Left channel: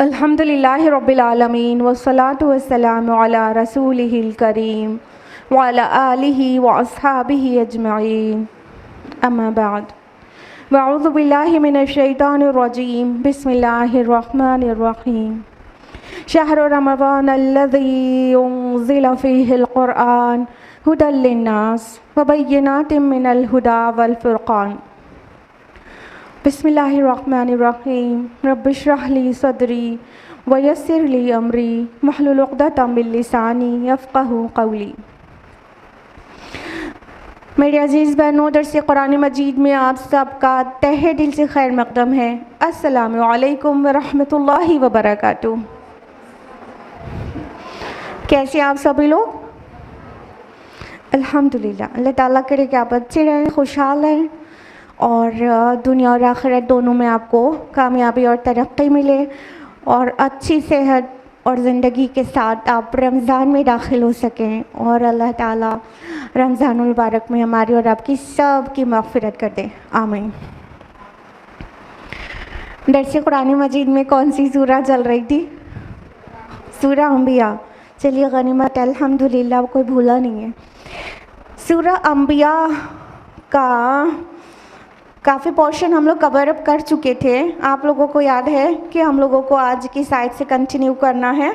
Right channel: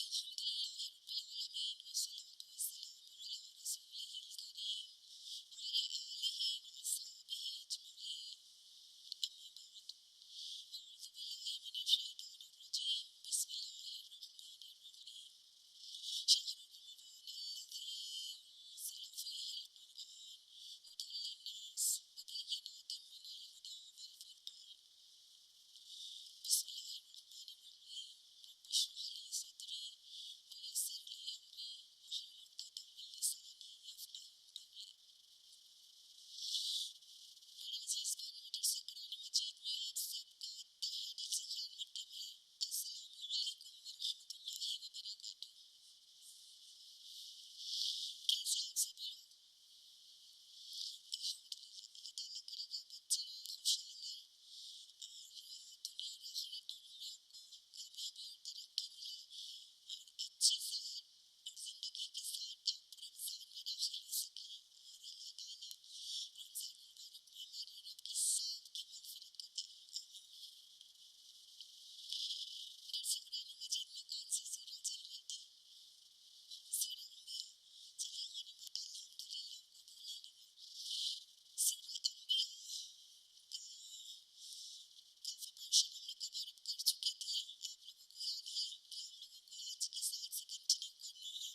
अल्हम्दुलिल्लाहि रब्बिल आलमीन वस्सलातु वस्सलामु अला रसूलिहिल करीम व अला आलिहि व अस्हाबिहि अजमईन अम्मा बाद वअऊज़ु बिल्लाहि मिनश शैतानिर रजीम बिस्मिल्लाहिर रहमानिर रहीम शहरु रमज़ानल्लज़ी उन्ज़िला फ़ीहिल क़ुरआन हुदल लिन्नास व बय्यिनातिम मिनल हुदा वल फ़ुरक़ान बिस्मिल्लाहिर्रहमानिर्रहीम रब्बिश्रह ली सदरी वयस्सिर ली अमरी वहलुल उक़दतम मिन लिसानी यफ़क़हू क़ौली। मेरे अज़ीज़ बहनों, दर्स कुरान मजीद में आप सबका तहे दिल से खैर मक़दम है। अस्सलामु अलैकुम व रहमतुल्लाहि व बरकातुहू। कैसे आप सभी लोग? अल्हम्दुलिल्लाह। अल्लाह ताला करे कि आप अच्छे रहें, खुशहाल रहें और दुनिया और आखिरत दोनों में आपको कामयाबी और तरक्की मिले और अच्छी सेहत और ज़िंदगी के साथ आप रमज़ान में दाखिल हो सकें और अल्लाह ताला रमज़ानुल मुबारक में हमारी और आपकी सब की मग़फ़िरत कर दे, आमीन। दर्स कुरान मजीद में कौन सी सूरा चल रही थी? सूरा अंबिया। चलिए गनीमत, अल्हम्दुलिल्लाह, कोई भूला नहीं है। सूरा अंबिया का काफ़ी पोर्शन हम लोग कवर अप कर चुके थे। आप लोगों को याद है कि हम लोगों को आज की साइड से कंटिन्यू करना है?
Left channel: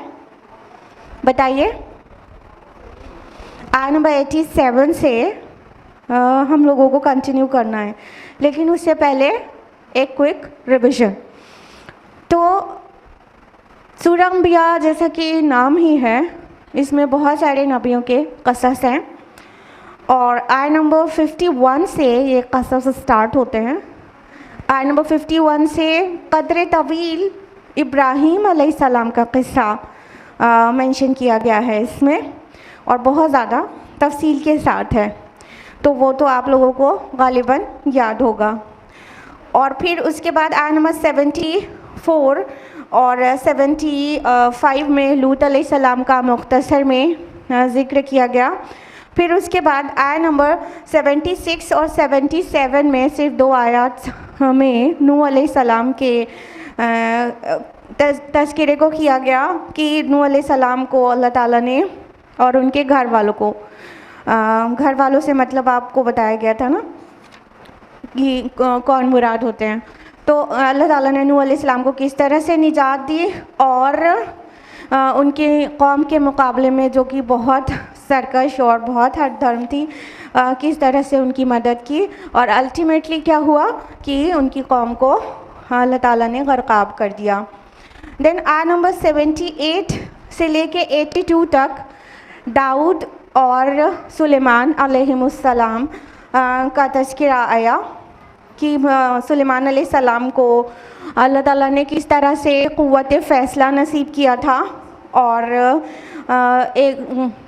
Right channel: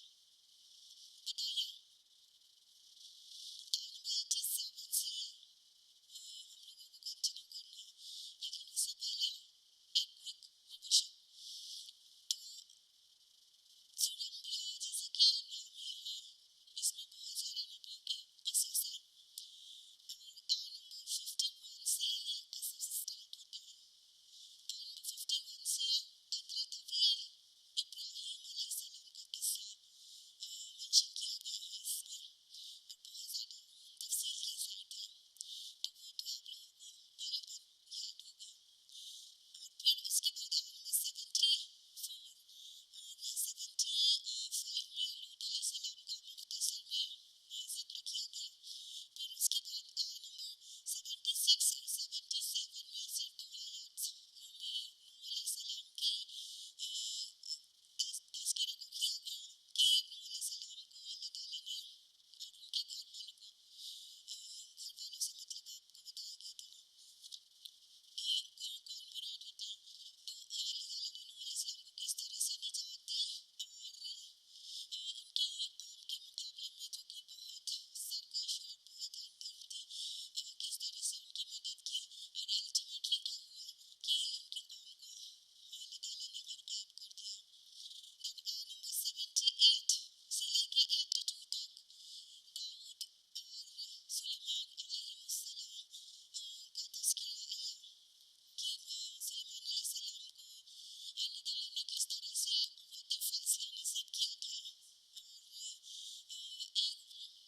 बताइए। आयत नंबर 87 से हम लोगों को कंटिन्यू करना है, लेकिन उससे पहले एक क्विक रिविज़न। तो सूरा अंबिया जैसा कि नाम ही है, इसमें बहुत सारे नबियों के क़सस हैं और आयत नंबर 51 से ये क़सस स्टार्ट होते हैं। आयत नंबर 51 से क़द्र तवील इब्राहीम अलैहिस्सलाम का क़िस्सा मेंशन किया गया है इसमें और बहुत ज़्यादा तफसील के साथ है, तो वो तो आप लोगों को गालिबन याद होगा। और फिर उसके बाद आयत नंबर 74 और 75 में लूत अलैहिस्सलाम का मुख्तसर में ज़िक्र किया गया। फिर उसके बाद आयत नंबर 76 और 77 में सिर्फ 2 आयत में नूह अलैहिस्सलाम के तज़किरे को किया गया कि नूह अलैहिस्सलाम को अल्लाह ताला ने और उनके घर वालों को, घर वालों से मतलब आपको बताया गया था ना कि कौन मुराद होते हैं। तो अल्लाह ताला ने नूह अलैहिस्सलाम को किस तरह से निजात दी और उनकी कौम के मुकाबले में जो कि बहुत सरकश और बहुत हर धर्म थी, किस तरह से उनकी मदद की और अल्टीमेटली क्या हुआ कि उनकी कौम को अल्लाह ताला ने गर्क़ाब कर दिया। देन आयत नंबर 78 से लेके 82 तक दाऊद और सुलेमान अलैहिमुस्सलाम का तज़किरा आया कि सुलेमान अलैहिस्सलाम को अल्लाह ताला ने किस तरह से क़ुव्वत फ़ैसला नसीब किया था और एक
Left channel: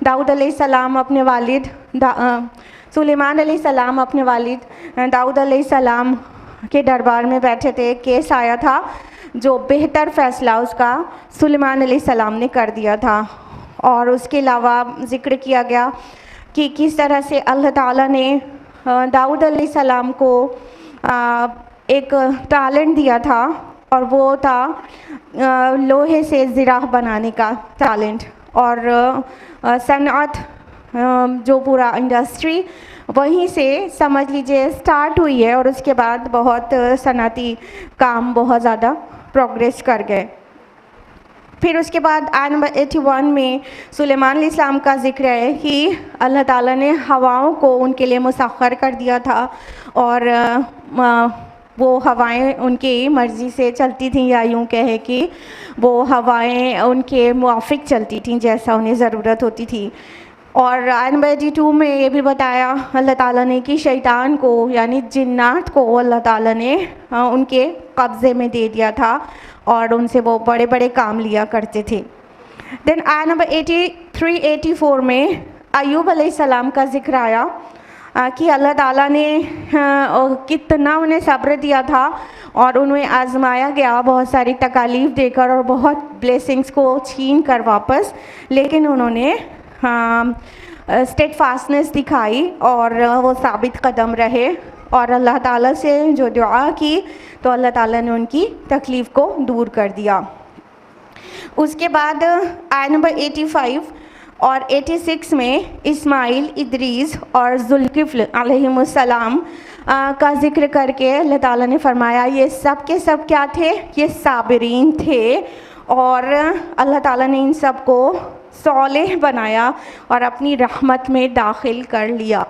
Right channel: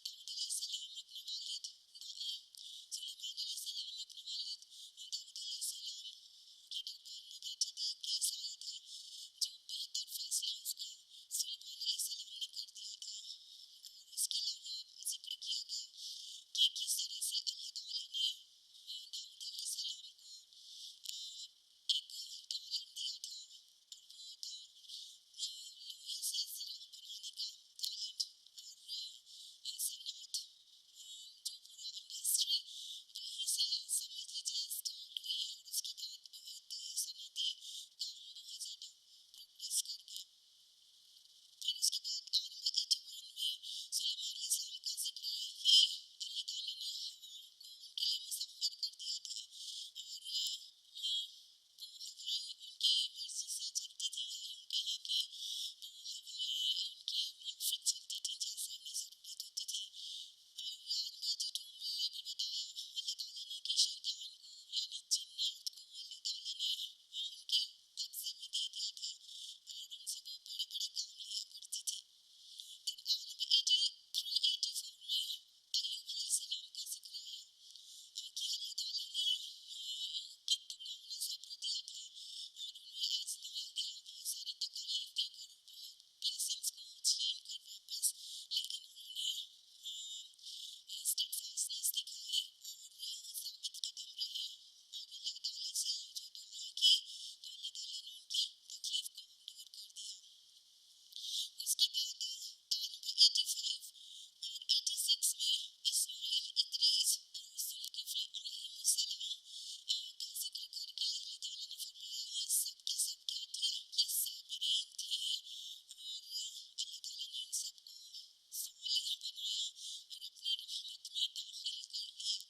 दाऊद अलैहिस्सलाम अपने वालिद सुलेमान अलैहिस्सलाम अपने वालिद दाऊद अलैहिस्सलाम के दरबार में बैठे थे। केस आया था जो बेहतर फ़ैसला उसका सुलेमान अलैहिस्सलाम ने कर दिया था और उसके अलावा ज़िक्र किया गया कि किस तरह से अल्लाह ताला ने दाऊद अलैहिस्सलाम को एक टैलेंट दिया था और वो था लोहे से ज़िराह बनाने का टैलेंट और सनअत, जो पूरा इंडस्ट्री वहीं से समझ लीजिए स्टार्ट हुई है और उसके बाद बहुत सनअती काम बहुत ज़्यादा प्रोग्रेस कर गए। फिर उसके बाद आयत नंबर 81 में सुलेमान अलैहिस्सलाम का ज़िक्र है कि अल्लाह ताला ने हवाओं को उनके लिए मुसख्खर कर दिया था और वो हवाएं उनकी मर्ज़ी से चलती थीं, या यूँ कहे कि वो हवाएं उनके मुआफ़िक चलती थीं जैसा उन्हें ज़रूरत होती थी। और आयत नंबर 82 में ये भी बताया अल्लाह ताला ने कि शैतान को यानी जिन्नात को अल्लाह ताला ने उनके कब्ज़े में दे दिया था और उनसे वो बड़े बड़े काम लिया करते थे। देन आयत नंबर 83-84 में अय्यूब अलैहिस्सलाम का ज़िक्र आया कि अल्लाह ताला ने कितना उन्हें सब्र दिया था और उन्हें आजमाया गया बहुत सारी तकालीफ देकर और बहुत ब्लेसिंग्स को छीन कर वापस, लेकिन उन्होंने स्टेडफास्टनेस दिखाई और वो साबित कदम रहे और अल्लाह ताला से जो दुआ की तो अल्लाह ताला ने उनकी तकलीफ़ को दूर कर दिया। उसके बाद आयत नंबर 85 और 86 में इस्माइल, इदरीस और जुल्किफ्ल अलैहिमुस्सलाम का ज़िक्र करके अल्लाह ताला ने फरमाया ये सब के सब क्या थे, ये साबिरीन थे और अल्लाह ताला ने इन सब को सौलेह बनाया और अपनी रहमत में दाखिल कर लिया।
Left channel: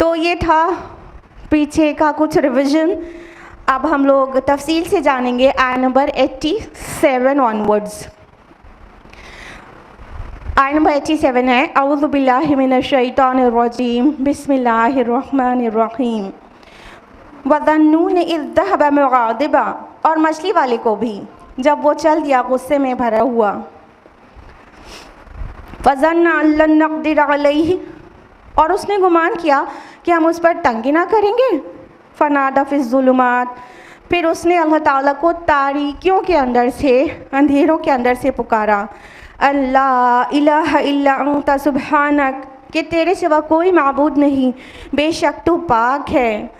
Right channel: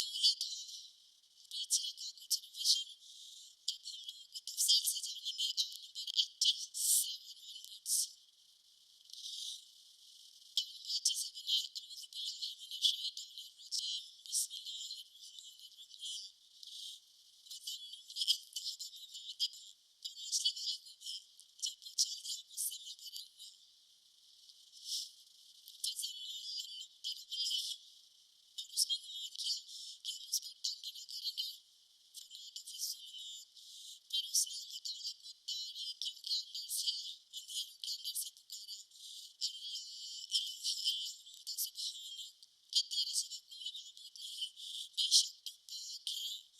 तो ये था पीछे का कुछ रिवीजन। अब हम लोग तफसील से जानेंगे आयत नंबर 87 ऑनवर्ड्स। आयत नंबर 87 है अऊज़ु बिल्लाहि मिनश शैतानिर रजीम बिस्मिल्लाहिर रहमानिर रहीम वज़न्नून इज़ ज़हब मुग़ादिबा, और मछली वाले को भी जब वो चल दिया गुस्से में भरा हुआ, फ़ज़न्ना अल्लन नक़दिर अलैहि, और उसने गुमान किया कि हम उस पर तंगी ना करेंगे, फ़नादा फ़िज़्ज़ुलुमात, फिर उसने अल्लाह ताला को तारीकियों के अंदर से, अंधेरों के अंदर से पुकारा, अल्ला इलाहा इल्ला अंता सुब्हानक, कि तेरे सिवा कोई माबूद नहीं, बेशक तू पाक है,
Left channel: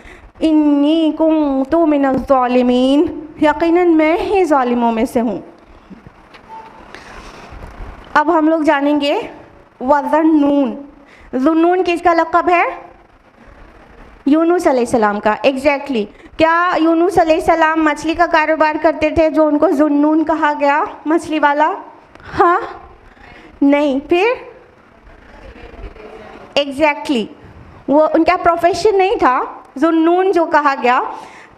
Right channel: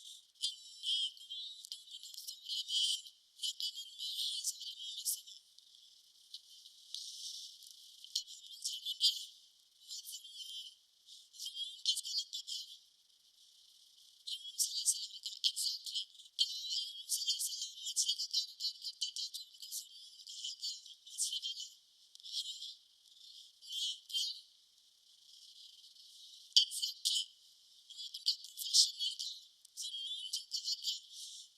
इन्नी कुन्तु मिनज़ ज़ालिमीन, यकीनन मैं ही ज़ालिमों में से हूँ। अब हम लोग जानेंगे वज़न्नून। ज़ुन्नून किसका लक़ब है? यूनुस अलैहिस्सलाम का। एग्जैक्टली क्या यूनुस अलैहिस्सलाम मछली का कारोबार करते थे जो उनको ज़ुन्नून कहा गया, मछली वाला? हाँ नहीं, फिर एग्जैक्टली वो उनका प्रोफेशन नहीं था ज़ुन्नून जो कहा गया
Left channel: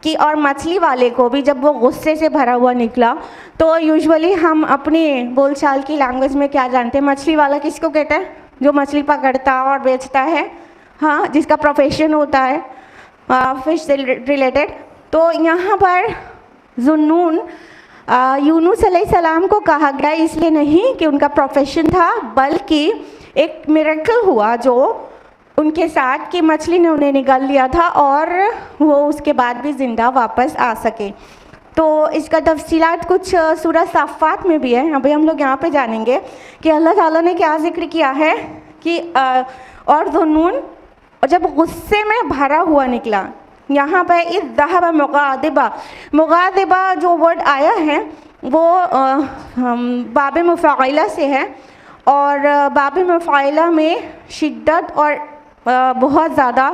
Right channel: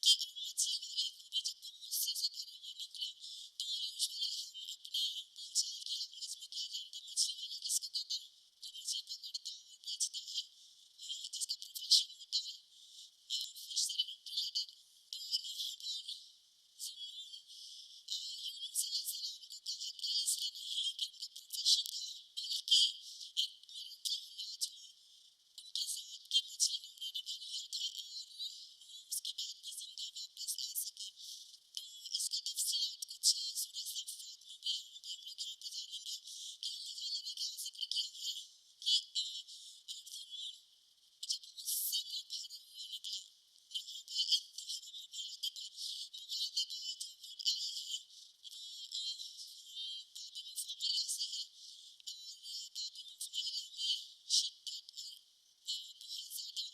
कि। और मछली वाले को भी जब वो गुस्से से भरा हुआ निकला तो यूजुअली हम अपने बोलचाल की लैंग्वेज में क्या जानते हैं, मछली वाला किसको कहते हैं? जो मछली पकड़ता और बेचता है, हाँ, जिसका प्रोफेशन होता है फिश से रिलेटेड। तो यहाँ पर ज़ुन्नून यूनुस अलैहिस्सलाम को कहा गया इसलिए नहीं कि उनका प्रोफेशन था, बल्कि एक मिरेकल हुआ जो उनके साथ कि मछली ने उन्हें निगल लिया था और वो उसके बाद भी ज़िंदा वापस आ सके। तो इसका तफसीलात कुछ सूरह साफ़ात में भी है। अभी हम लोग यहाँ पे जानेंगे कि अल्लाह ताला ने क्या ज़िक्र किया है कि और ज़ुन्नून जब गुस्से में भरा हुआ निकला, यहाँ पर इज़ ज़हब मुग़ादिबा, मुग़ादिबा जो वर्ड आया है वो बाब मुफ़ाइला से है और बाब मुफ़ाइला में शिद्दत और बहुत ज़्यादा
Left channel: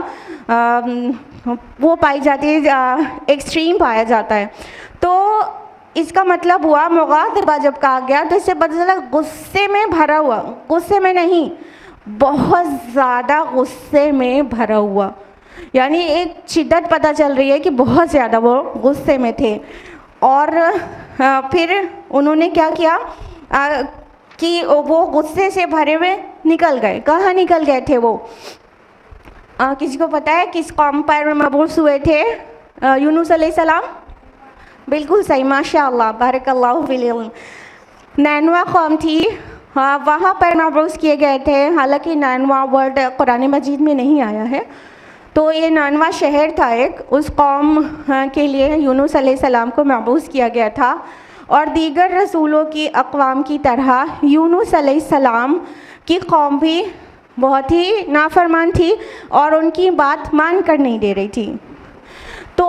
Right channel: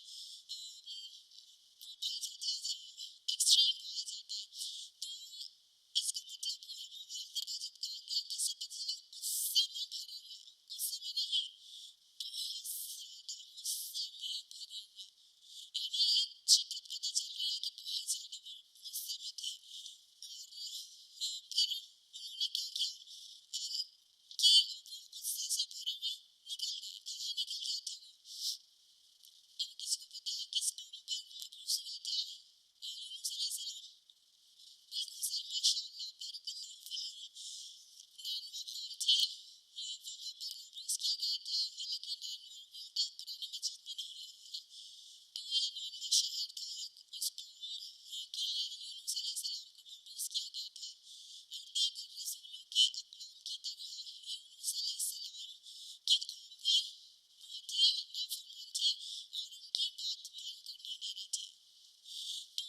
वो पाई जाती है, एक्सट्रीम पाया जाता है। तो इसका मतलब हुआ मुग़ादिबा जब कहा गया तो इससे पता चला गुस्से में भरा हुआ, गुस्से में नहीं, बहुत ज़्यादा गुस्से में भरा हुआ, यानी एक शिद्दत पता चल रही है कि बहुत ज़्यादा वो गुस्से में थे। और फिर उन्होंने क्या किया कि वो गुस्से से भरे हुए निकल गए। कहाँ निकल गए थे वो? किसी को पता है किस कौम पर मबूस हुए थे यूनुस अलैहिस्सलाम? बिल्कुल सही, माशाअल्लाह, बारकल्लाहु फिल इल्म। नैनवा कौम थी, हाँ, वहाँ पर मबूस किए गए थे। हालांकि नैनवा वर्ड कुरान मजीद में नहीं आया है। तो ये नैनवा शहर था एक, उस कौम के लिए यूनुस अलैहिस्सलाम को मबूस किया गया था। और दीगर रसूलों की अक़वाम की तरह यूनुस अलैहिस्सलाम की कौम भी बहुत ही नाफरमान थी और उनकी बात मान कर नहीं दे रही थी। तो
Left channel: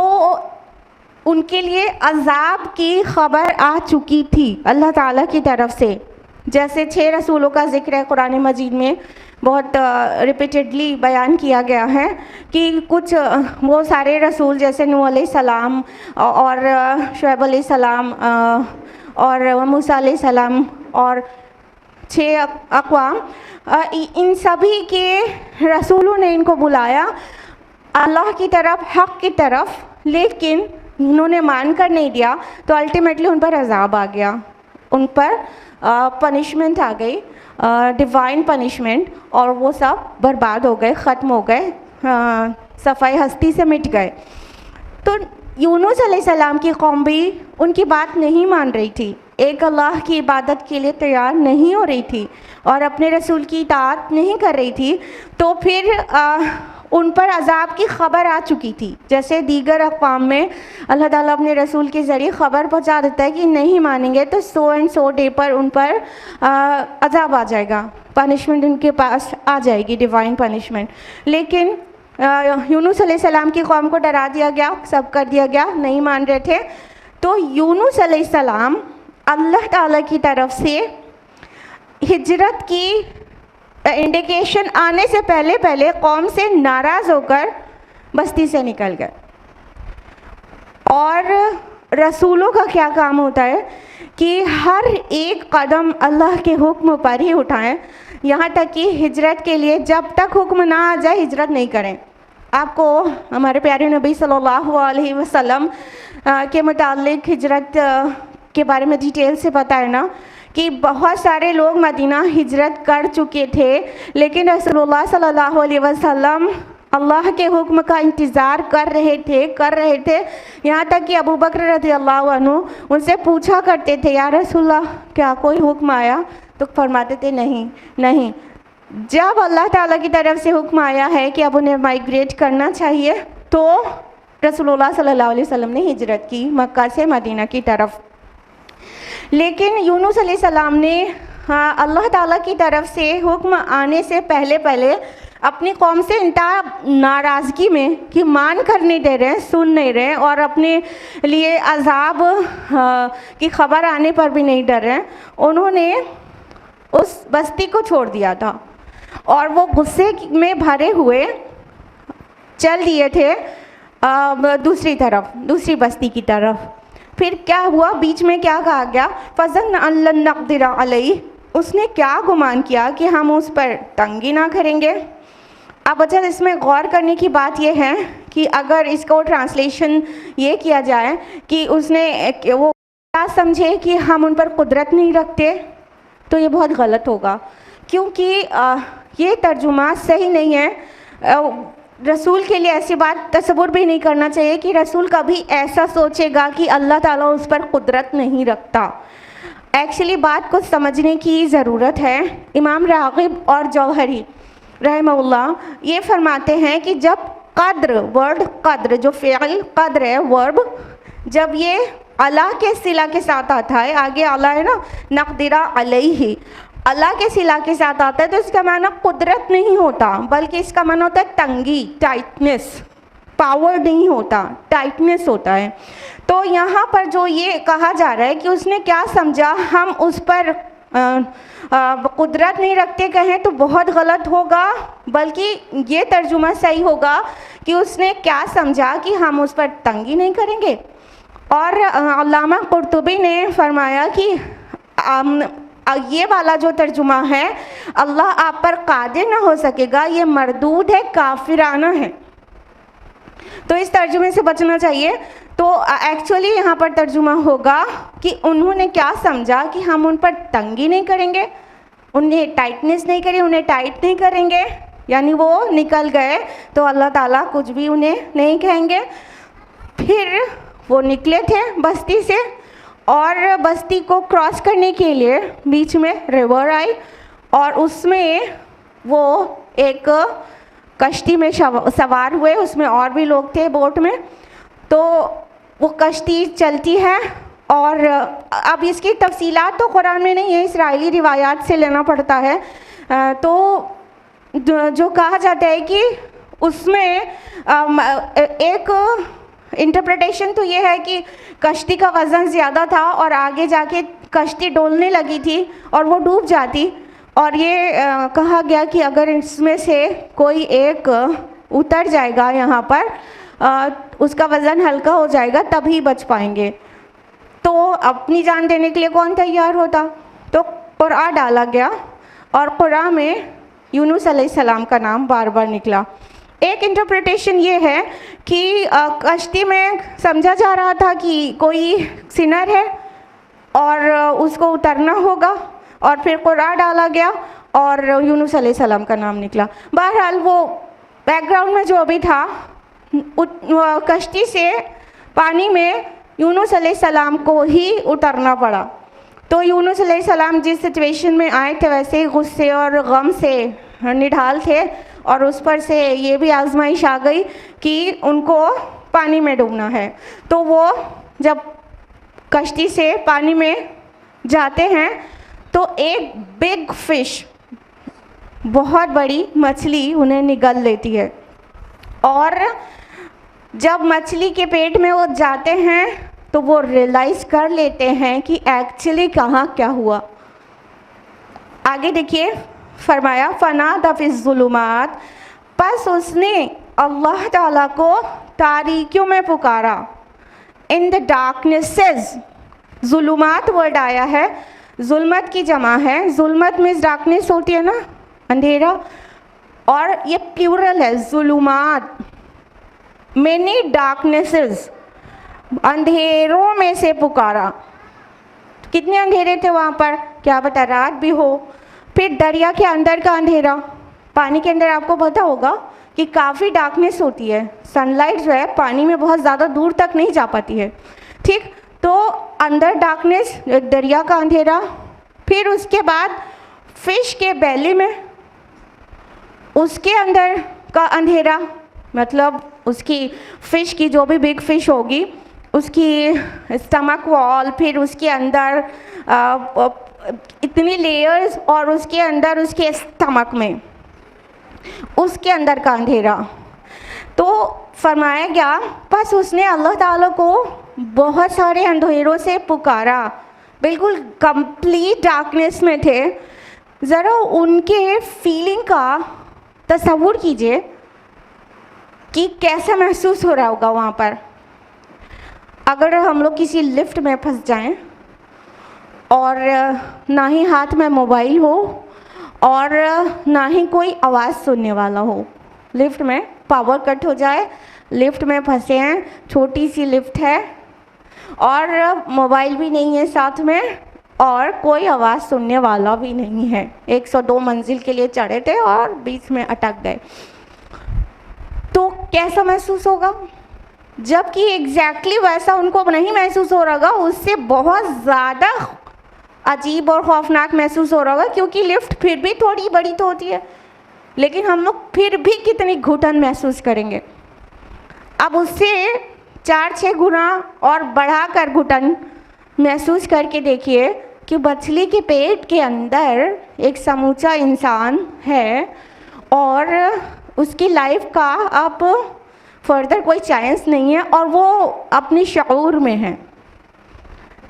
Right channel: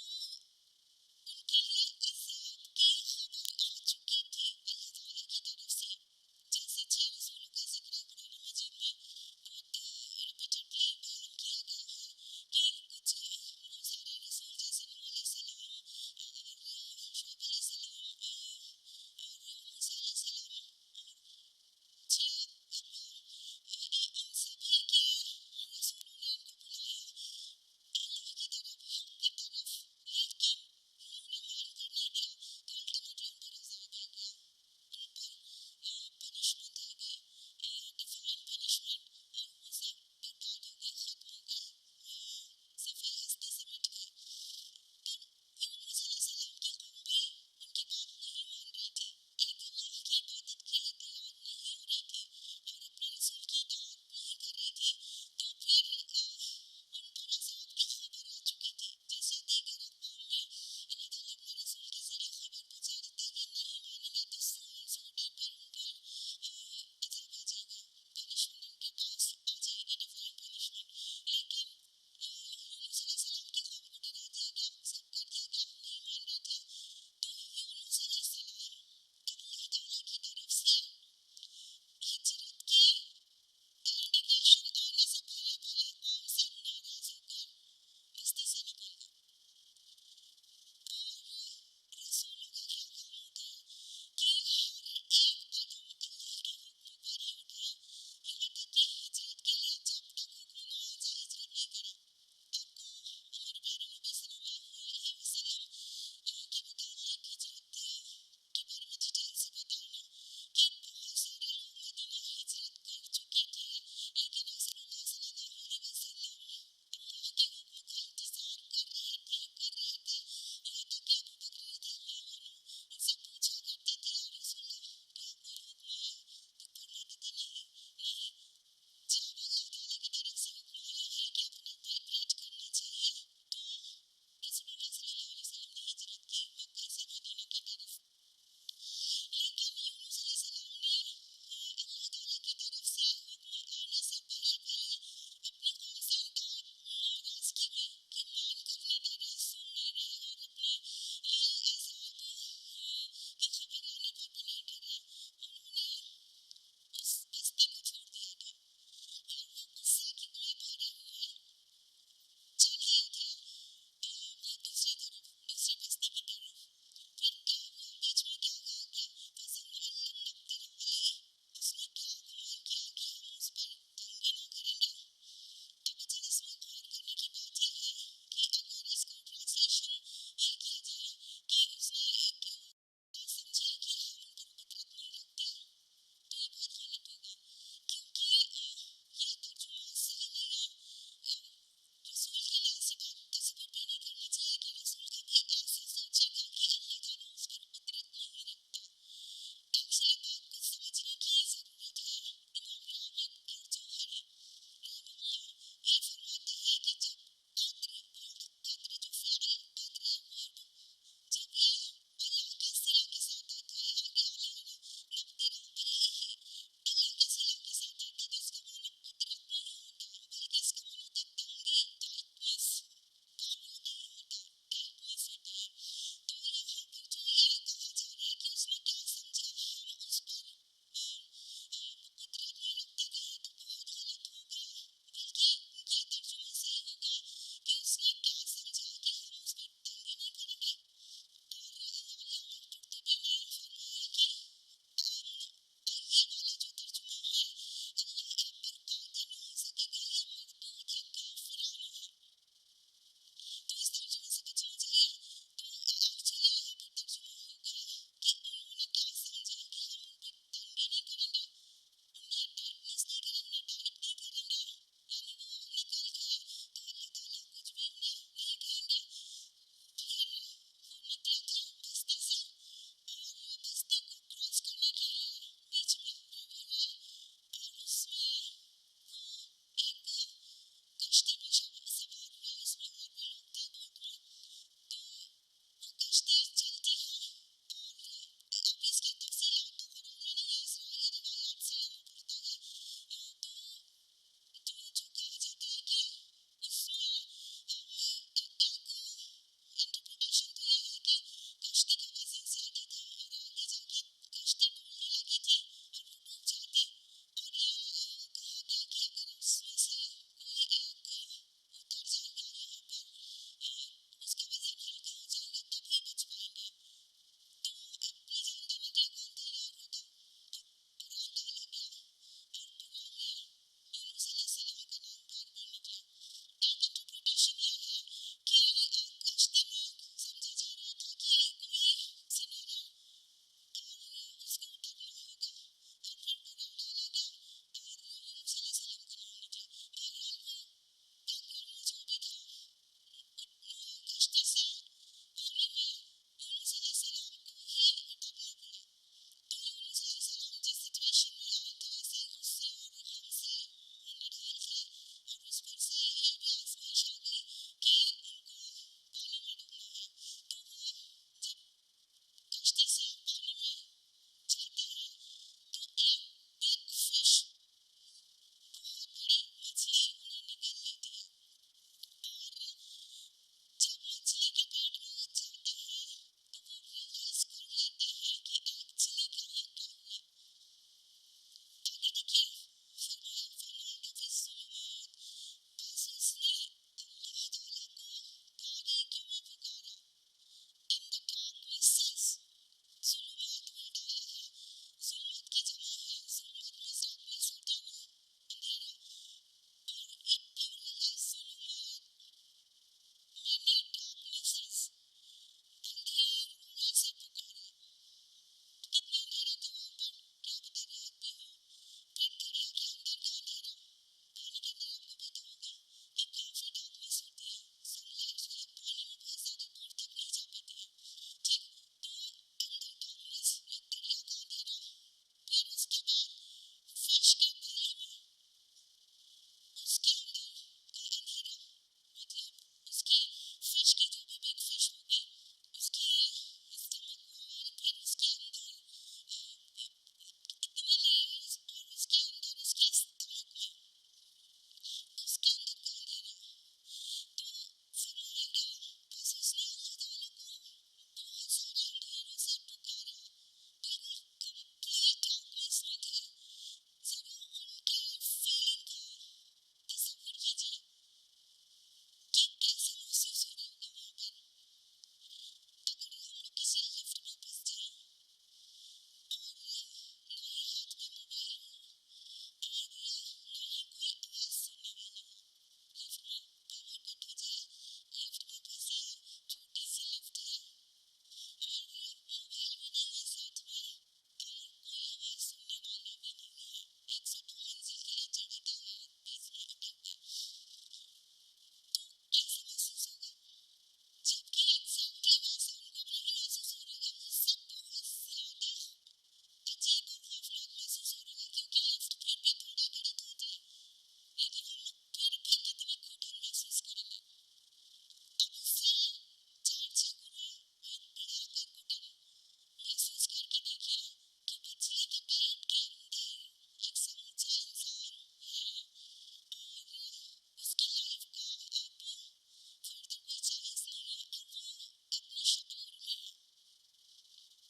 उनके लिए अज़ाब की ख़बर आ चुकी थी अल्लाह ताला की तरफ से। जैसे 6 रसूलों का ज़िक्र है कुरान मजीद में, बहुत रिपीटेडली बयान किया गया है कि कुछ वो सारे रसूल जैसे नूह अलैहिस्सलाम और शुएब अलैहिस्सलाम और मूसा अलैहिस्सलाम और 6 अक़वाम, इन सभी के रसूलों ने इनको बुलाया अल्लाह की तरफ, हक़ की तरफ, लेकिन इन्होंने मान कर नहीं दिया। तो अल्टीमेटली उन पर अज़ाब आ गया, उन पर पनिशमेंट आ गई, डिवाइन पनिशमेंट, और वो सब बर्बाद हो गए, ख़त्म हो गए, सफ़ाई हस्ती से मिट गए। तो यूनुस अलैहिस्सलाम की कौम भी उनकी बात नहीं मान रही थी, एक अल्लाह की इबादत के लिए तैयार नहीं हो रही थी और अपने रसूल की इताअत नहीं कर रही थी। तो फिर उन पर अज़ाब की ख़बर आ चुकी थी। जैसे दीगर अक़वाम में अल्लाह ताला अपने रसूल के ज़रिए ख़बर पहुँचा देता है कि नहीं मानेंगे तो सो एंड सो डे पर उन पर अज़ाब आ जाएगा, पनिशमेंट उनके पास आ जाएगी, डिवाइन पनिशमेंट। लेकिन यूनुस अलैहिस्सलाम की कौम को डरा दिया गया, सब कर दिया गया, नहीं मान रहे थे। तो यूनुस अलैहिस्सलाम अल्लाह ताला की तरफ से हिजरत की इंडिकेशन आने से पहले पहले कौम से नाराज़ होकर बस्ती से निकल गए। और रसूलों का क्या काम होता है कि हर एक कदम अल्लाह के हुक्म पर ही उठाएं, यहाँ तक कि हिजरत के लिए जब तक हुक्म ना आ जाए हिजरत नहीं करें। आपको हमारे प्यारे नबी सल्लल्लाहु अलैहि वसल्लम के मुतालिक हिजरत के बारे में डिटेल से पता है ना कि बहुत सारे लोग मदीना हिजरत कर चुके थे, लेकिन रसूलुल्लाह सल्लल्लाहु अलैहि वसल्लम अल्लाह के हुक्म का इंतज़ार कर रहे थे। यहाँ तक कि अबू बकर रज़ियल्लाहु अन्हु उनसे पूछा करते थे, या रसूलल्लाह क्या कोई हुक्म आया? तो फरमाते थे नहीं। जब अल्लाह ताला की तरफ से हुक्म आया है कि अब उन्हें माइग्रेट करना चाहिए, तो रसूलुल्लाह सल्लल्लाहु अलैहि वसल्लम ने हिजरत की मक्का से मदीना की तरफ। लेकिन यूनुस अलैहिस्सलाम ने अल्लाह ताला की तरफ से हुक्म आने से पहले पहले अपनी कौम से इंतहा नाराज़गी में कि मान कर नहीं दे रहे, सुन नहीं रहे और अपने लिए अजाब की खबर आने पर भी नहीं डर रहे, उन्होंने उस बस्ती को छोड़ दिया था और वो गुस्से में भरे हुए चल दिए थे दूसरी बस्ती की तरफ। फिर क्या हुआ, बीच में क्या कहा गया, फज़न अल्लन नक़दिर अलैहि, उसने क्या गुमान किया कि हम उस पर तंगी ना करेंगे। अब अच्छा इसमें गौर करने की बात यह है कि अगर इसको ट्रांसलेशन ये किया जाए कि उसने वो क्या समझे कि हम उन पर कुदरत नहीं रखते, तो ये बहुत गलत होगा, क्योंकि ये तर्जुमा सही नहीं है। रसूल के लिए ऐसी बात तसव्वुर भी नहीं करना चाहिए कि रसूल कभी ऐसा सोचेगा कि अल्लाह ताला उस पर कुदरत नहीं रखता। एक्चुअली बात को समझने की ज़रूरत है। इमाम राग़िब और जौहरी रहमहुल्लाह ये फरमाते हैं कि जब वर्ड कद्र जो फ़िअल कद्र है वर्ब, जब ये अला के सिला के साथ आता है, आगे अला है ना, नक़दिरा अलैहि, अल्लाह के सिला के साथ आता है, तो इसका माना कुदरत नहीं होता, बल्कि इसका माना होता है तंगी, टाइटनेस, पावर नहीं होता, टाइटनेस होता है। तो यहाँ पर जो ये कहा जा रहा है कि उसने क्या समझा हम उस पर कुदरत नहीं रखते कहें तो बहुत गलत होगा, बल्कि ये तर्जुमा सही होगा कि उसने क्या समझा कि हम उस पर तंगी नहीं करेंगे। और अल्लामा कुर्तुबी ने फरमाया कि ये वाला जो तर्जुमा है, अल्लाह आप पर कादिर ना हो सकेगा, ये मरदूद है, काफिराना है, तो इस तर्जुमे से बचना चाहिए। तो एक्चुअली यहाँ पर तर्जुमा होगा कि उन्होंने क्या समझा कि हम उन पर तंगी नहीं करेंगे, उन्हें टाइटनेस नहीं करें, उन्हें टाइट नहीं करेंगे, यानी वो निकल गए तो अल्लाह ताला कुछ भी उन्हें नहीं कहेंगे। फिर वो निकले थे बस्ती से और बस्ती को क्रॉस करने के लिए बीच में रिवर आई और उसमें वो एक कश्ती में सवार हुए, उसमें और भी लोग थे बोट में। तो वो कश्ती चलती है और अब इसकी तफसीलात तो कुरान में नहीं है, इसराइली रिवायात से लेना पड़ता है। तो जो कहा जाता है कि उसमें एक इंटरप्रिटेशन तो ये है कि कश्ती का वज़न ज़्यादा था और आगे जाके कश्ती डोलने लगी थी और वो डूब जाती, और ये कहा गया कि अगर इसमें से कोई एक उतर जाएगा यहाँ पर, उसका वज़न हल्का हो जाएगा तभी बच पाएंगे। तो अपनी जान देने के लिए कौन तैयार होता, तो कुरान डाला गया और कुरान में यूनुस अलैहिस्सलाम का नाम बार बार निकला। एक इंटरप्रिटेशन ये है कि कश्ती में समझा जा रहा था कि कोई सिनर है और उसको उतरना होगा, और फिर कुरान डाला गया और यूनुस अलैहिस्सलाम का नाम निकला। बहरहाल वो बैकग्राउंड में जो भी था, कश्ती से पानी में यूनुस अलैहिस्सलाम को ही उतरना पड़ा। तो यूनुस अलैहिस्सलाम जिस सिचुएशन में आए थे वैसे ही गुस्से और गम से निढाल थे, और उस पर से ये भी आजमाइश आ गई कि उनको पानी में डूबना है। तो वो जब कश्ती से पानी में जाते हैं तो एक बिग फिश, बहुत बड़ी मछली उन्हें निगल लेती है और जब मछली के पेट में वो जाते हैं तो वो रियलाइज़ कर लेते हैं कि एक्चुअली कहाँ क्या हुआ। आगे देखिए, फरमाया फनादा फिज़्ज़ुलुमात, बस उसने अल्लाह ताला को तारीकियों में पुकारा। इन द डार्कनेसेस, जुलुमात वर्ड आया है, जुल्मत की जमा है। जुल्मत मीन्स डार्कनेस होती है ना, अंधेरा, और ये प्लूरल है, जुलुमात, मेनी डार्कनेसेस, अंधेरों में से पुकारा। कितने अंधेरे थे वहाँ पर, क्या पता रात भी हो। फिर दरिया के अंदर का अंधेरा, पानी के अंदर आपको पता होगा कि काफ़ी डार्कनेस होती है, सनलाइट जो है पानी में बहुत ज़्यादा दूर तक नहीं जा पाती है, ठीक। तो अंदर डार्कनेस, दरिया का अंधेरा, फिर उसके बाद फिश के बेली में, उसके अंदर का अंधेरा, मतलब उसकी फ़िश की जो भी बिग फ़िश होगी उसकी स्टमक वॉल, फिर उसके अंदर इतनी लेयर्स, और उसके अंदर उसके स्टमक में उसके अंदर का अंधेरा। तो फरमाया गया बस उसने अल्लाह ताला को बहुत सारे अंधेरों से पुकारा, बिल्कुल कंप्लीट डार्कनेस में थे। ज़रा उनके फीलिंग का तसव्वुर कीजिए कि कैसा महसूस हो रहा होगा वहाँ पर। अगर हम लोग किसी लिफ्ट में फंस जाएं और ना ही हाथ में मोबाइल हो और ना ही कोई आवाज़ सुनने वाला हो, लिफ्ट में पावर कट हो जाए, लिफ्ट में फंसे हैं, छोटी सी लिफ्ट है और मोबाइल भी नहीं है साथ में और कोई आवाज़ सुनने वाला भी नहीं है, 102 मंजिल के लिए चढ़े थे और बीच में अटक गए, तो कैसा महसूस होगा? जबकि एग्जैक्टली वैसा उनको नहीं महसूस हो रहा होगा, उससे बहुत ज़्यादा अजीब और खौफनाक महसूस हो रहा होगा, क्योंकि लिफ्ट फिर भी थोड़ी बड़ी तो होती है, लेकिन हम लोग फिर भी कितनी घुटन महसूस करेंगे। अब उससे 4-6 गुना और बढ़ाकर घुटन महसूस करके देखिए कि मछली के पेट के अंदर एक समूचा इंसान है और उसकी लाइफ का अब फर्दर कोई चांस नहीं है और वो अपनी शऊर में है।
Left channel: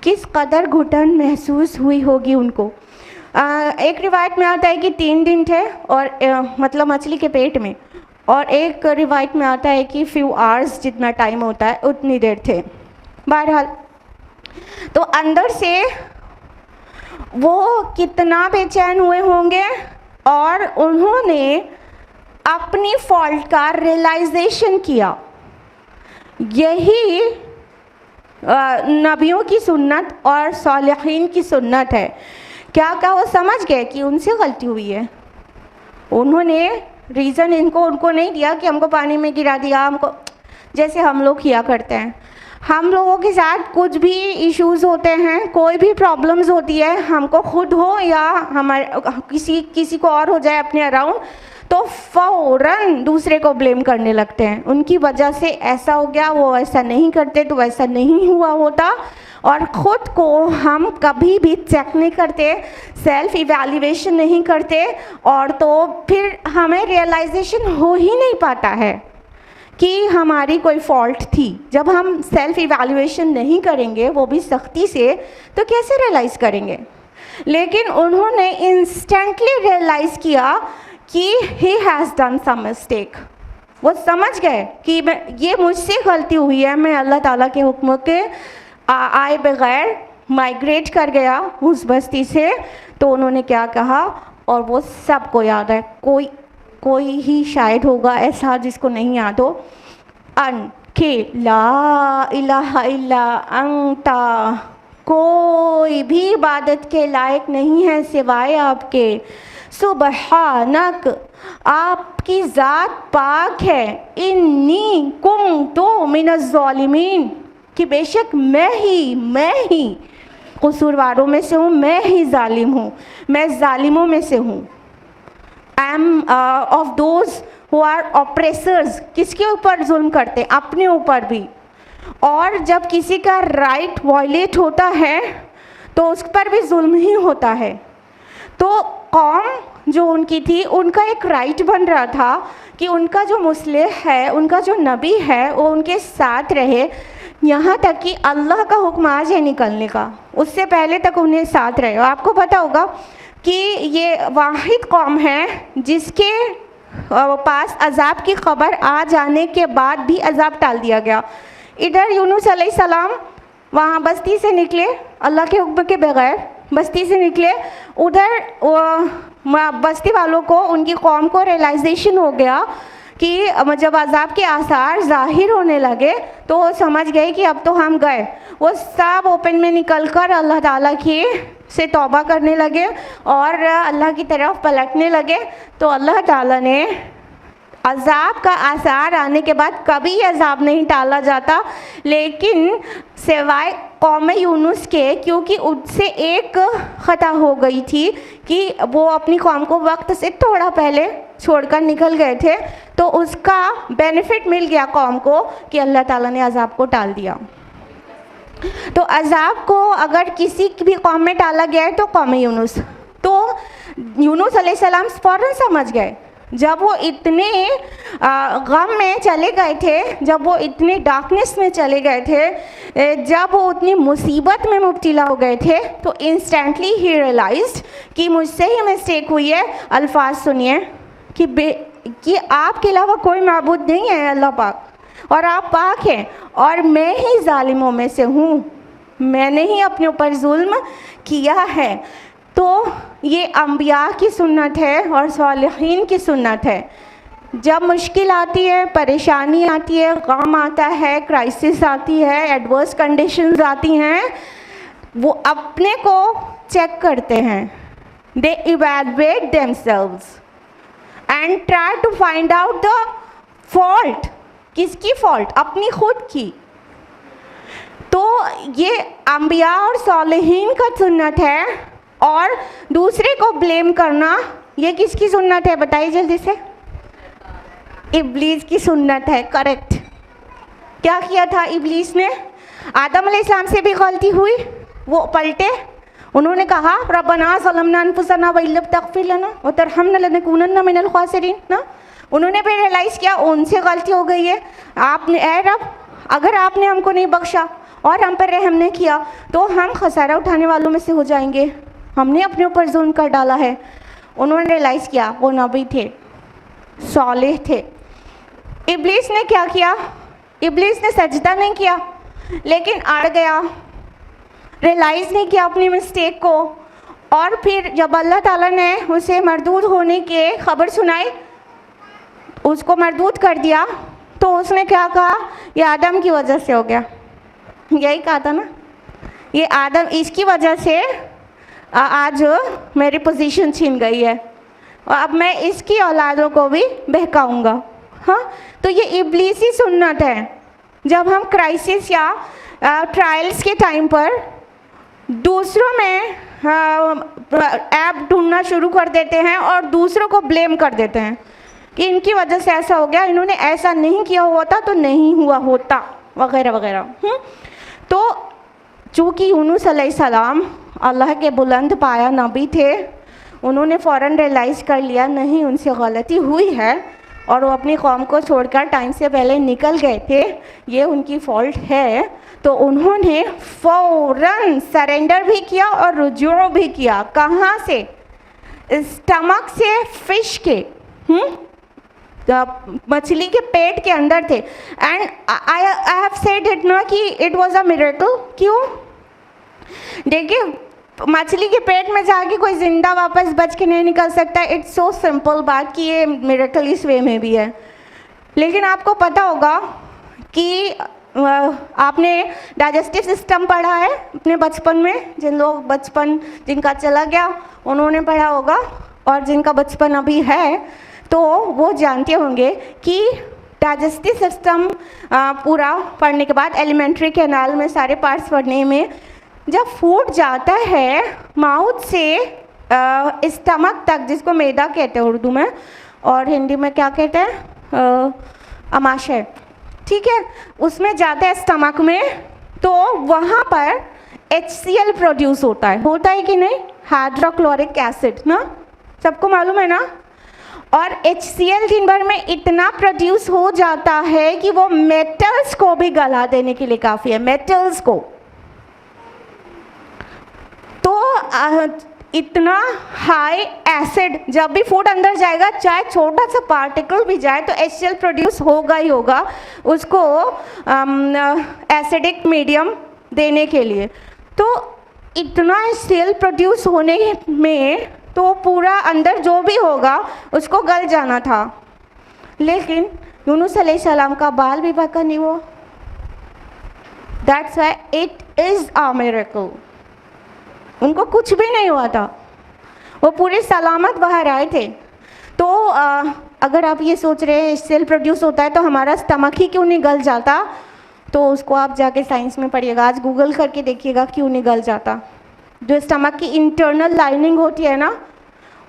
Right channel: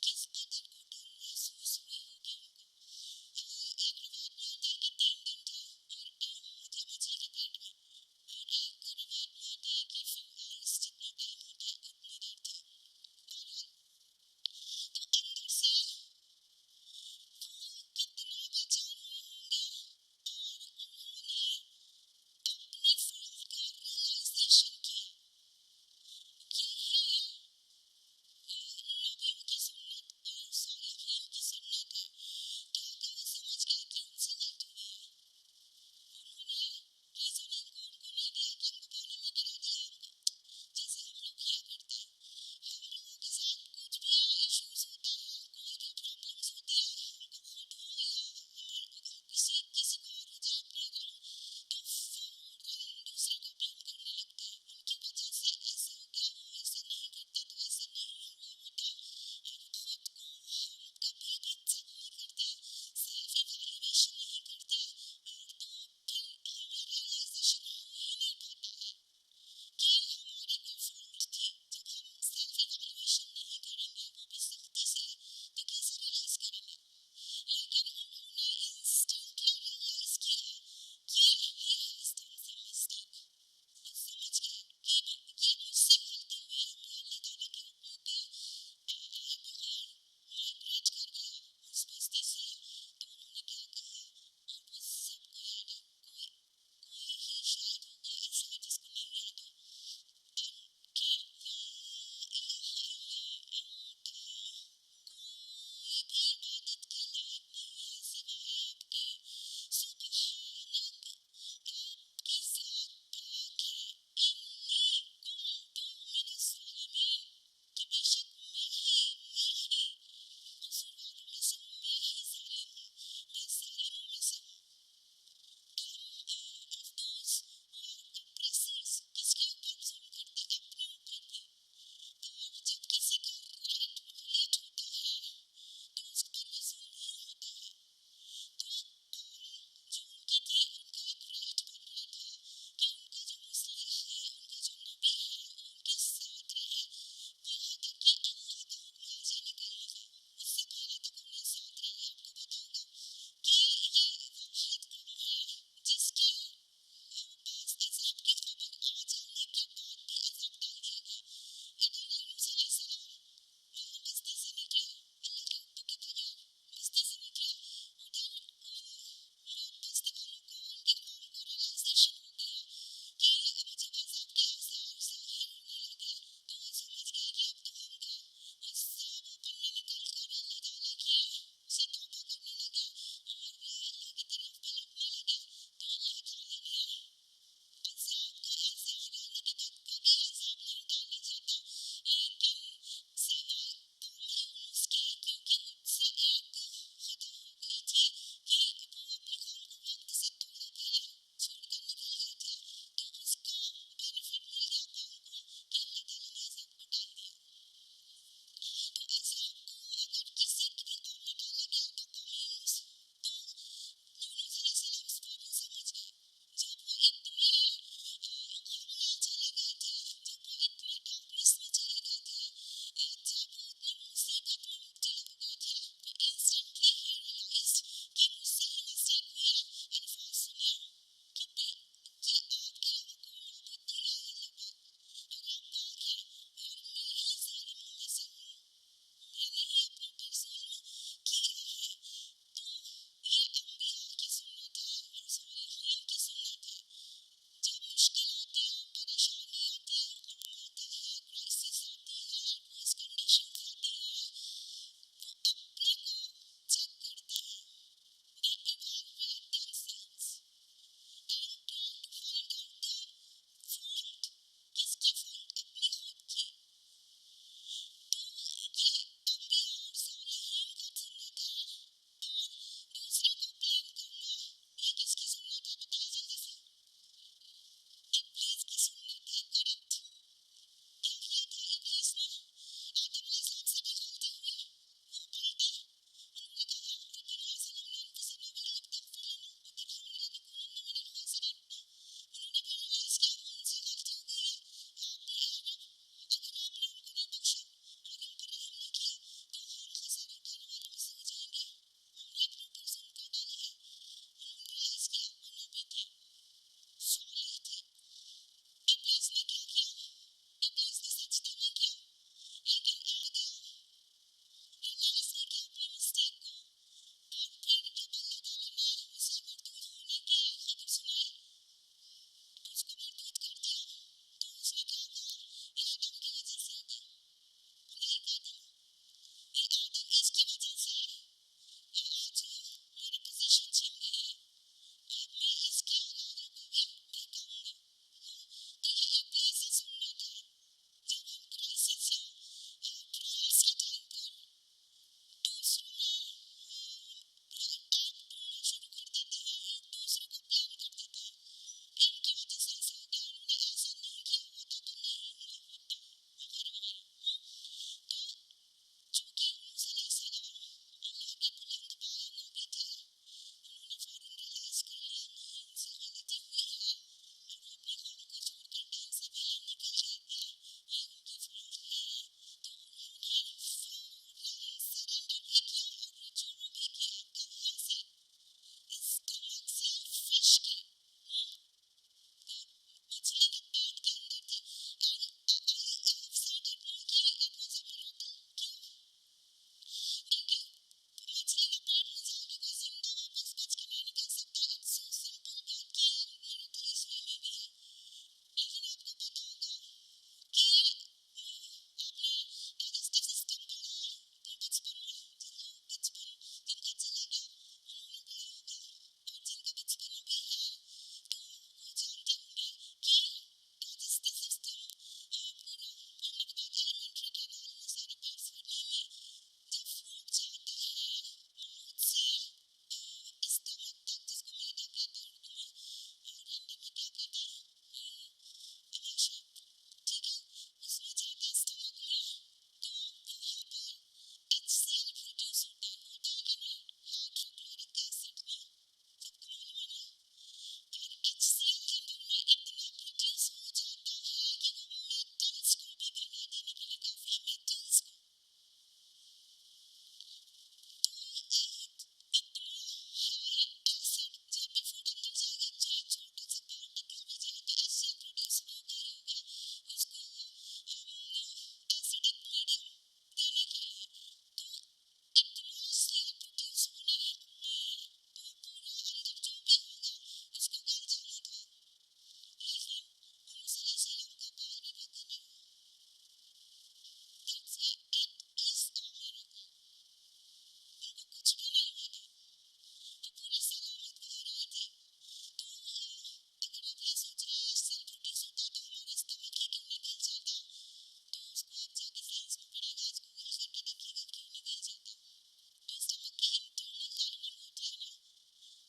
किस कदर घुटन महसूस हुई होगी उनको। एक रिवायत में आता है कि 3 दिन थे और मतलब मछली के पेट में, और एक रिवायत में आता है कि फ्यू आवर्स जितना टाइम होता है उतनी देर थे। बहरहाल तो अंदर से वो कितना बेचैन हुए होंगे और उन्होंने अपनी फॉल्ट का रियलाइजेशन किया। यही नबियों की सुन्नत और सालिहीन की सुन्नत है। क्या वो समझ गए कि उनसे गलती हुई है? उन्होंने रीज़न उनको नहीं दिया कि हमको पानी में गिरा दिया, हमको, जैसे हम लोग किया करते हैं। हम लोगों के साथ कुछ भी इश्यूज़ होते हैं, कोई भी प्रॉब्लम्स होती है, हमको खुद हो या हमारे किसी को और हो जाए अपने अराउंड, तो फ़ौरन दूसरे को ब्लेम करने लगते हैं। उनकी वजह से ऐसा हो गया, वो ऐसा नहीं करते तो वैसा नहीं हुआ होता, और ख़ुद को हम कभी भी चेक नहीं करते, सेल्फ इवैल्यूएशन नहीं करते, और तो फिर हमें रियलाइजेशन हो ही नहीं पाता है कि हमारी कोई फॉल्ट थी। जब हम सेल्फ इवैल्यूएशन नहीं करेंगे, वो भी सख्ती से, तो कैसे रियलाइज़ करेंगे? लेकिन उन्होंने इंस्टेंटली रियलाइज़ किया कि he has done some mistake. वो समझ गए कि ये मुझसे गलती हुई है, मैं अल्लाह ताला के हुक्म के आए बगैर माइग्रेट कर गया उस बस्ती से। तो उन्होंने क्या कहा, और वो सबको याद है, कोई ही शायद होगा ऐसा जिसको नहीं याद हो, के ला इलाहा इल्ला अंता, कोई भी इबादत के लायक नहीं है सिवाय आपके, सुबहानक, आपकी ज़ात पाक है, इन्नी कुन्तु मिनज़ ज़ालिमीन, कि बेशक मैं ही कसूरवारों में से हूँ, मैं ही जालिम हूँ, मैं जालिमों में से हूँ। I am of those who are oppressors, किसके ऊपर जुल्म करते? अपने ऊपर भी। और जब किसी का राइट वायलेट होता है तो उस पर भी जुल्म ही होता है। तो कौम जो उनकी थी, उनका एक राइट बन रहा था कि उनका जो मुस्लिह है, उनका जो नबी है, वो उनके साथ रहे, यहाँ तक कि अल्लाह का हुक्म आ जाए निकलने का, उससे पहले तक उन्हें साथ रहे। आपको पता होगा कि ये वाहिद कौम है जिसके पास अजाब की खबर आ जाने के बाद भी अजाब टाल दिया गया। इधर यूनुस अलैहिस्सलाम वहाँ बस्ती से निकले, अल्लाह के हुक्म के बगैर बस्ती से निकले। उधर बस्ती वालों को, उनकी कौम को रियलाइजेशन हो गया कि जब अजाब के आसार ज़ाहिर होने लगे तो वो समझ गए कि अब तो हम गए। वो सब ओपन में निकलकर अल्लाह ताला की से तौबा करने लगे और अल्लाह की तरफ पलटने लगे। तो अल्लाह ताला ने अजाब का आसार आने के बाद कभी अजाब नहीं टाला जाता, लेकिन सिवाय कौम यूनुस के, क्योंकि उससे एक ख़ता हो गई थी कि वो अपनी कौम को वक्त से थोड़ा पहले छोड़कर निकल गए थे, तो उसका बेनिफिट मिल गया कौम को कि अल्लाह ताला ने अजाब को टाल दिया। तो अजाब को अगर किसी भी कौम में टाला गया है तो कौम यूनुस, तो यूनुस अलैहिस्सलाम फ़ौरन समझ गए। जब वो इतने गम में चले गए थे, जब वो इतने डार्कनेस में चले गए थे, जब वो उतनी मुसीबत में मुब्तला हो गए थे, तो इंस्टेंटली ही रियलाइज्ड कि मुझसे ही मिस्टेक हुई है। अल्फाज सुनिए कि आपके अलावा कोई माबूद नहीं है अल्लाह पाक, और आप पाक हैं और मैं ही जालिमों में से हूँ, मैंने ही अपने ऊपर जुल्म किया है। तो ये अम्बिया की सुन्नत है और सालिहीन की सुन्नत है। जब मुश्किल आती है, परेशानी आती है, गम आता है, क्राइसिस आती है, एडवर्स कंडीशंस आती हैं, वो अपने को चेक करते हैं। They evaluate themselves and try to find out the fault. किसकी फॉल्ट? अपनी खुद की। तो ये अम्बिया और सालिहीन का सुन्नत है। और दूसरे को ब्लेम करना, ये किसकी सुन्नत है? बताइए जल्दी से। इब्लीस की सुन्नत है। करेक्ट। क्या किया था इब्लीस ने? आदम अलैहिस्सलाम से भी गलती हुई, वो पलटे, उन्होंने कहा रब्बना ज़लमना अनफुसना व इल्लम तग़फिर लना व तरहमना लनकुनन्ना मिनल ख़ासिरीन ना। उन्होंने फिर रियलाइज़ किया उनसे गलती हो गई है, आपने, ऐ रब, अगर आपने हमको नहीं बख्शा और हम पर रहम नहीं किया तो हम खसारा उठाने वालों में से हो जाएंगे, हमने अपने ऊपर जुल्म कर डाला है। उन्होंने रियलाइज़ किया वो नबी थे, सालेह थे। इब्लीस ने क्या किया? इब्लीस ने सजदा नहीं किया, लेकिन अड़ गया, रियलाइज़ नहीं किया अपनी मिस्टेक को। और फिर जब अल्लाह ताला ने उसे मरदूद होने के खबर सुनाई, उसको मरदूद कर दिया, तो उसने क्या कहा? ये आदम की वजह से हो गया। यही कहा था ना, ये आदम, इसकी वजह से आज मेरी पोजीशन छीन गई है और अब मैं इसकी औलादों को भी बहकाऊंगा। हाँ, तो ये इब्लीसी सुन्नत है। जब हम क्राइसिस या ट्रायल्स के टाइम पर दूसरों में ऐप ढूंढना शुरू कर देते हैं और दूसरों को ब्लेम कर देते हैं कि इनकी वजह से ऐसा हो गया, इन्होंने ऐसा नहीं किया होता तो नहीं हुआ होता, वगैरह वगैरह। तो चूँकि यूनुस अलैहिस्सलाम अल्लाह के बुलंद पाया नबी थे, उन्होंने फ़ौरन रियलाइज़ कर लिया नहीं उनसे गलती हुई है और वो अपनी कौम को छोड़कर टाइम से पहले निकल गए थे, ये उनकी फ़ॉल्ट है। तो उन्होंने फ़ौरन सरेंडर भी किया और रुजू भी किया। कहाँ से? स्टमक से, फिश के, मछली के पेट के अंदर थे। And I have said it ना कि इट वाज अ मिरेकल। क्यों? देखिए, मछली के पेट में जाके कोई जिंदा वापस बच के नहीं निकल सकता। इट्स सो सिंपल बात कि ये मिरेकल इस वे में भी है। लेकिन आपको पता होगा कि आपने डाइजेस्टिव सिस्टम पढ़ा है अपने बचपन में, जिन लोग बचपन जिनका चला गया उन्होंने पढ़ा होगा, और जिनका बचपन अभी है तो वो जानते होंगे कि डाइजेस्टिव सिस्टम पूरा पढ़ने के बाद एलिमेंट्री कैनाल में सारे पार्ट्स पढ़ने में, जब फूड जाता है माउथ से स्टमक तक, जिसको मैदा कहते हैं उर्दू में और हिंदी में क्या कहते हैं, अमाशय, ठीक है, उसमें जाता है स्टमक में, तो वहाँ पर HCl प्रोड्यूस होता है कि नहीं? हाइड्रोक्लोरिक एसिड ना, सबको मालूम है ना। और HCl दिन भर में इतना प्रोड्यूस हो जाता है कि वो मेटल्स को भी गला देने के लिए काफ़ी है, मेटल्स को। तो इतना हाई एसिड, जब भी फूड अंदर जाएगा चाहे छोटा सा पार्टिकल भी जाए तो HCl प्रोड्यूस होगा ही होगा उसको एसिडिक मीडियम देने के लिए। तो इतना HCl प्रोड्यूस होने में तो पूरा अंदर जो भी होगा उसको गल जाना था, लेकिन यूनुस अलैहिस्सलाम का बाल भी बका नहीं हुआ। That's why it is a miracle. उनको कुछ भी नहीं हुआ था, वो पूरे सलामत बाहर आए थे। तो अगर आप ये सोच रहे हैं HCl प्रोड्यूस होता है तो हमारा स्टमक ही क्यों नहीं गल जाता, तो उसको आप जाके साइंस में पढ़िएगा, आज गूगल करके देखिएगा क्यों नहीं गल जाता। जो स्टमक की इंटरनल लाइनिंग होती है ना,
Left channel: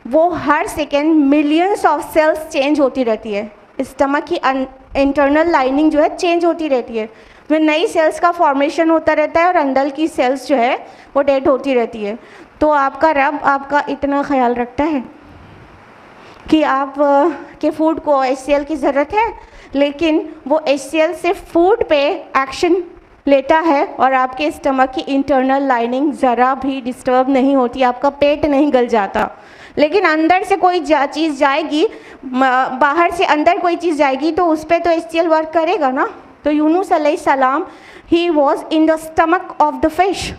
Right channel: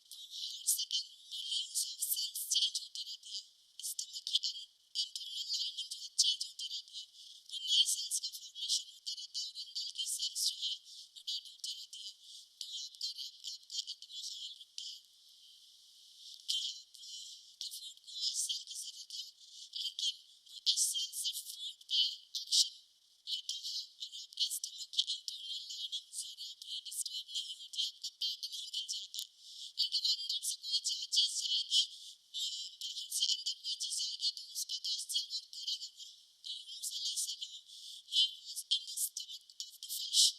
वो हर second millions of cells change होती रहती है। स्टमक की इंटरनल लाइनिंग जो है चेंज होती रहती है, में नई सेल्स का फॉर्मेशन होता रहता है और अंदर की सेल्स जो है वो डेड होती रहती है। तो आपका रब आपका इतना ख्याल रखता है कि आप के फूड को HCl की ज़रूरत है, लेकिन वो HCl सिर्फ फूड पे एक्शन लेता है और आपके स्टमक की इंटरनल लाइनिंग ज़रा भी डिस्टर्ब नहीं होती, आपका पेट नहीं गल जाता। लेकिन अंदर से कोई चीज़ जाएगी, बाहर से अंदर कोई चीज़ जाएगी तो उस पर तो HCl वर्क करेगा ना। तो यूनुस अलैहिस्सलाम he was in the stomach of the fish,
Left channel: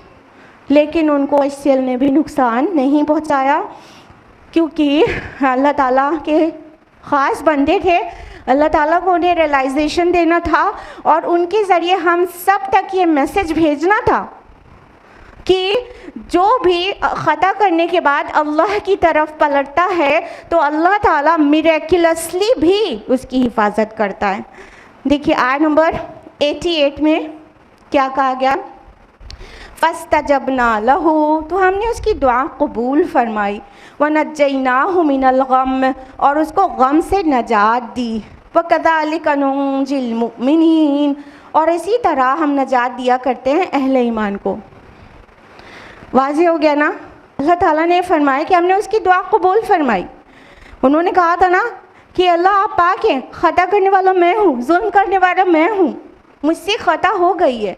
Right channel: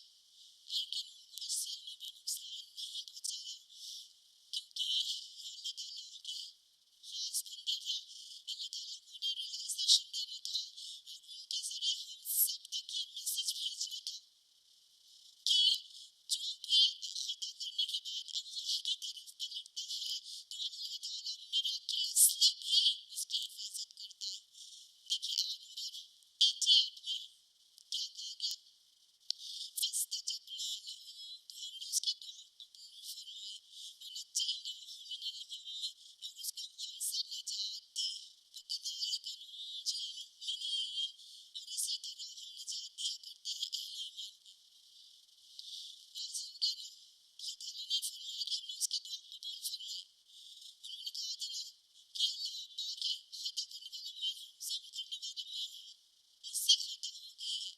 लेकिन उनको HCl ने भी नुकसान नहीं पहुंचाया, क्योंकि अल्लाह ताला के ख़ास बंदे थे। अल्लाह ताला को उन्हें रियलाइजेशन देना था और उनके ज़रिए हम सब तक ये मैसेज भेजना था कि जो भी ख़ता करने के बाद अल्लाह की तरफ पलटता है तो अल्लाह ताला मिरेकुलसली भी उसकी हिफाजत करता है। देखिए आयत नंबर 88 में क्या कहा गया, फस्तजबना लहू, तो हमने उसकी दुआ कबूल फरमाई, वनज्जयनाहु मिनल गम, और उसको गम से नजात दी, वकज़ालिका नुंजिल मुमिनीन, और इसी तरह हम नजात दिया करते हैं अहले ईमान को। वाज़ेह हो गया ना। अल्लाह ताला ने फरमाया कि हमने उसकी दुआ कबूल फरमाई। उन्होंने कहा था ना कि अल्लाह आप पाक हैं, ख़ता करने वाला मैं हूँ, जुल्म करने वाला मैं हूँ, मुझसे ख़ता हो गई है।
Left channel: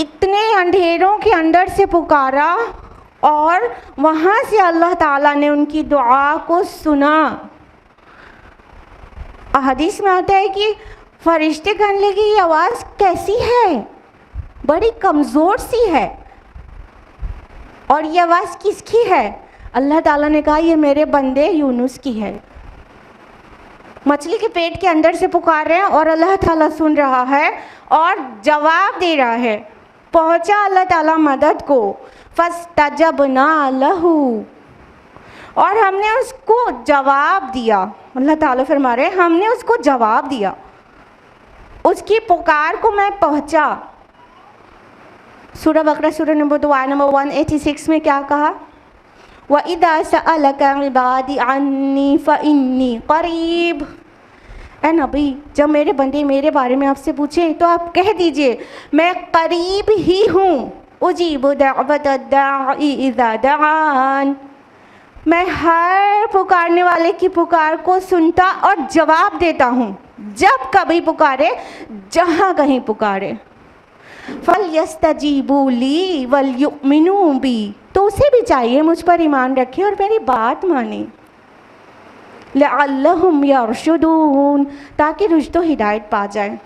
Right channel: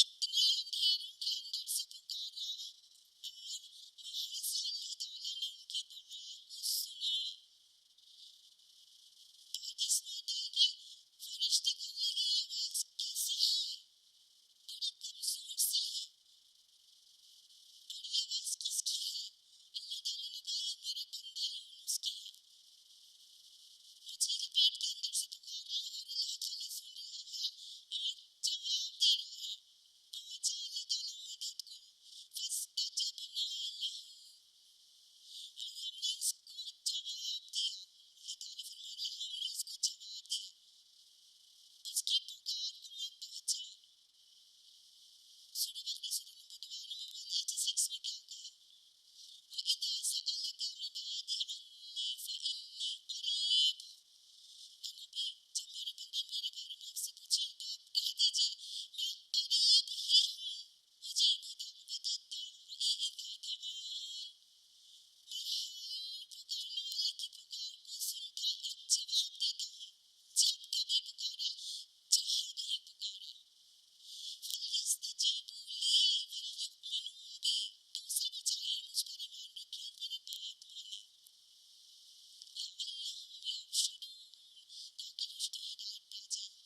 इतने अंधेरों के अंदर से पुकारा और वहाँ से अल्लाह ताला ने उनकी दुआ को सुना। हदीस में आता है कि फरिश्ते कहने लगे ये आवाज़ कैसी है, बड़ी कमज़ोर सी है, और ये आवाज़ किसकी है? अल्लाह ताला ने कहा ये मेरे बंदे यूनुस की है। मछली के पेट के अंदर से पुकार रहे हैं और अल्लाह ताला सुन रहा है और जवाब दे रहा है। पहुंचा अल्लाह ताला मदद को, फस्तजबना लहू, और हमने उसको जवाब दिया। अल्लाह ताला फरमा रहे हैं हमने उसको जवाब दिया, उसकी पुकार को मैं पहुंचा। सूरह बकरा सूरह नंबर 2 आयत नंबर 186 में क्या कहा, वइज़ा सअलका इबादी अन्नी फ़इन्नी क़रीब। ए नबी, जब मेरे बंदे मेरे बारे में आपसे पूछें तो आप कह दीजिए मैं करीब ही हूँ, उजीबु दअवत दाई इज़ा दआन, मैं हर पुकारने वाले की पुकार को सुनता और जवाब देता हूँ, जब कभी पुकारे, जहाँ कहीं पुकारे। फल यस्तजीबू ली वल युमिनू बी, तो उसे भी चाहिए मुझ पर ईमान रखे और मेरी बात माने। लअल्लहुम यरशुदून, ताकि रुश्द व हिदायत पा जाए।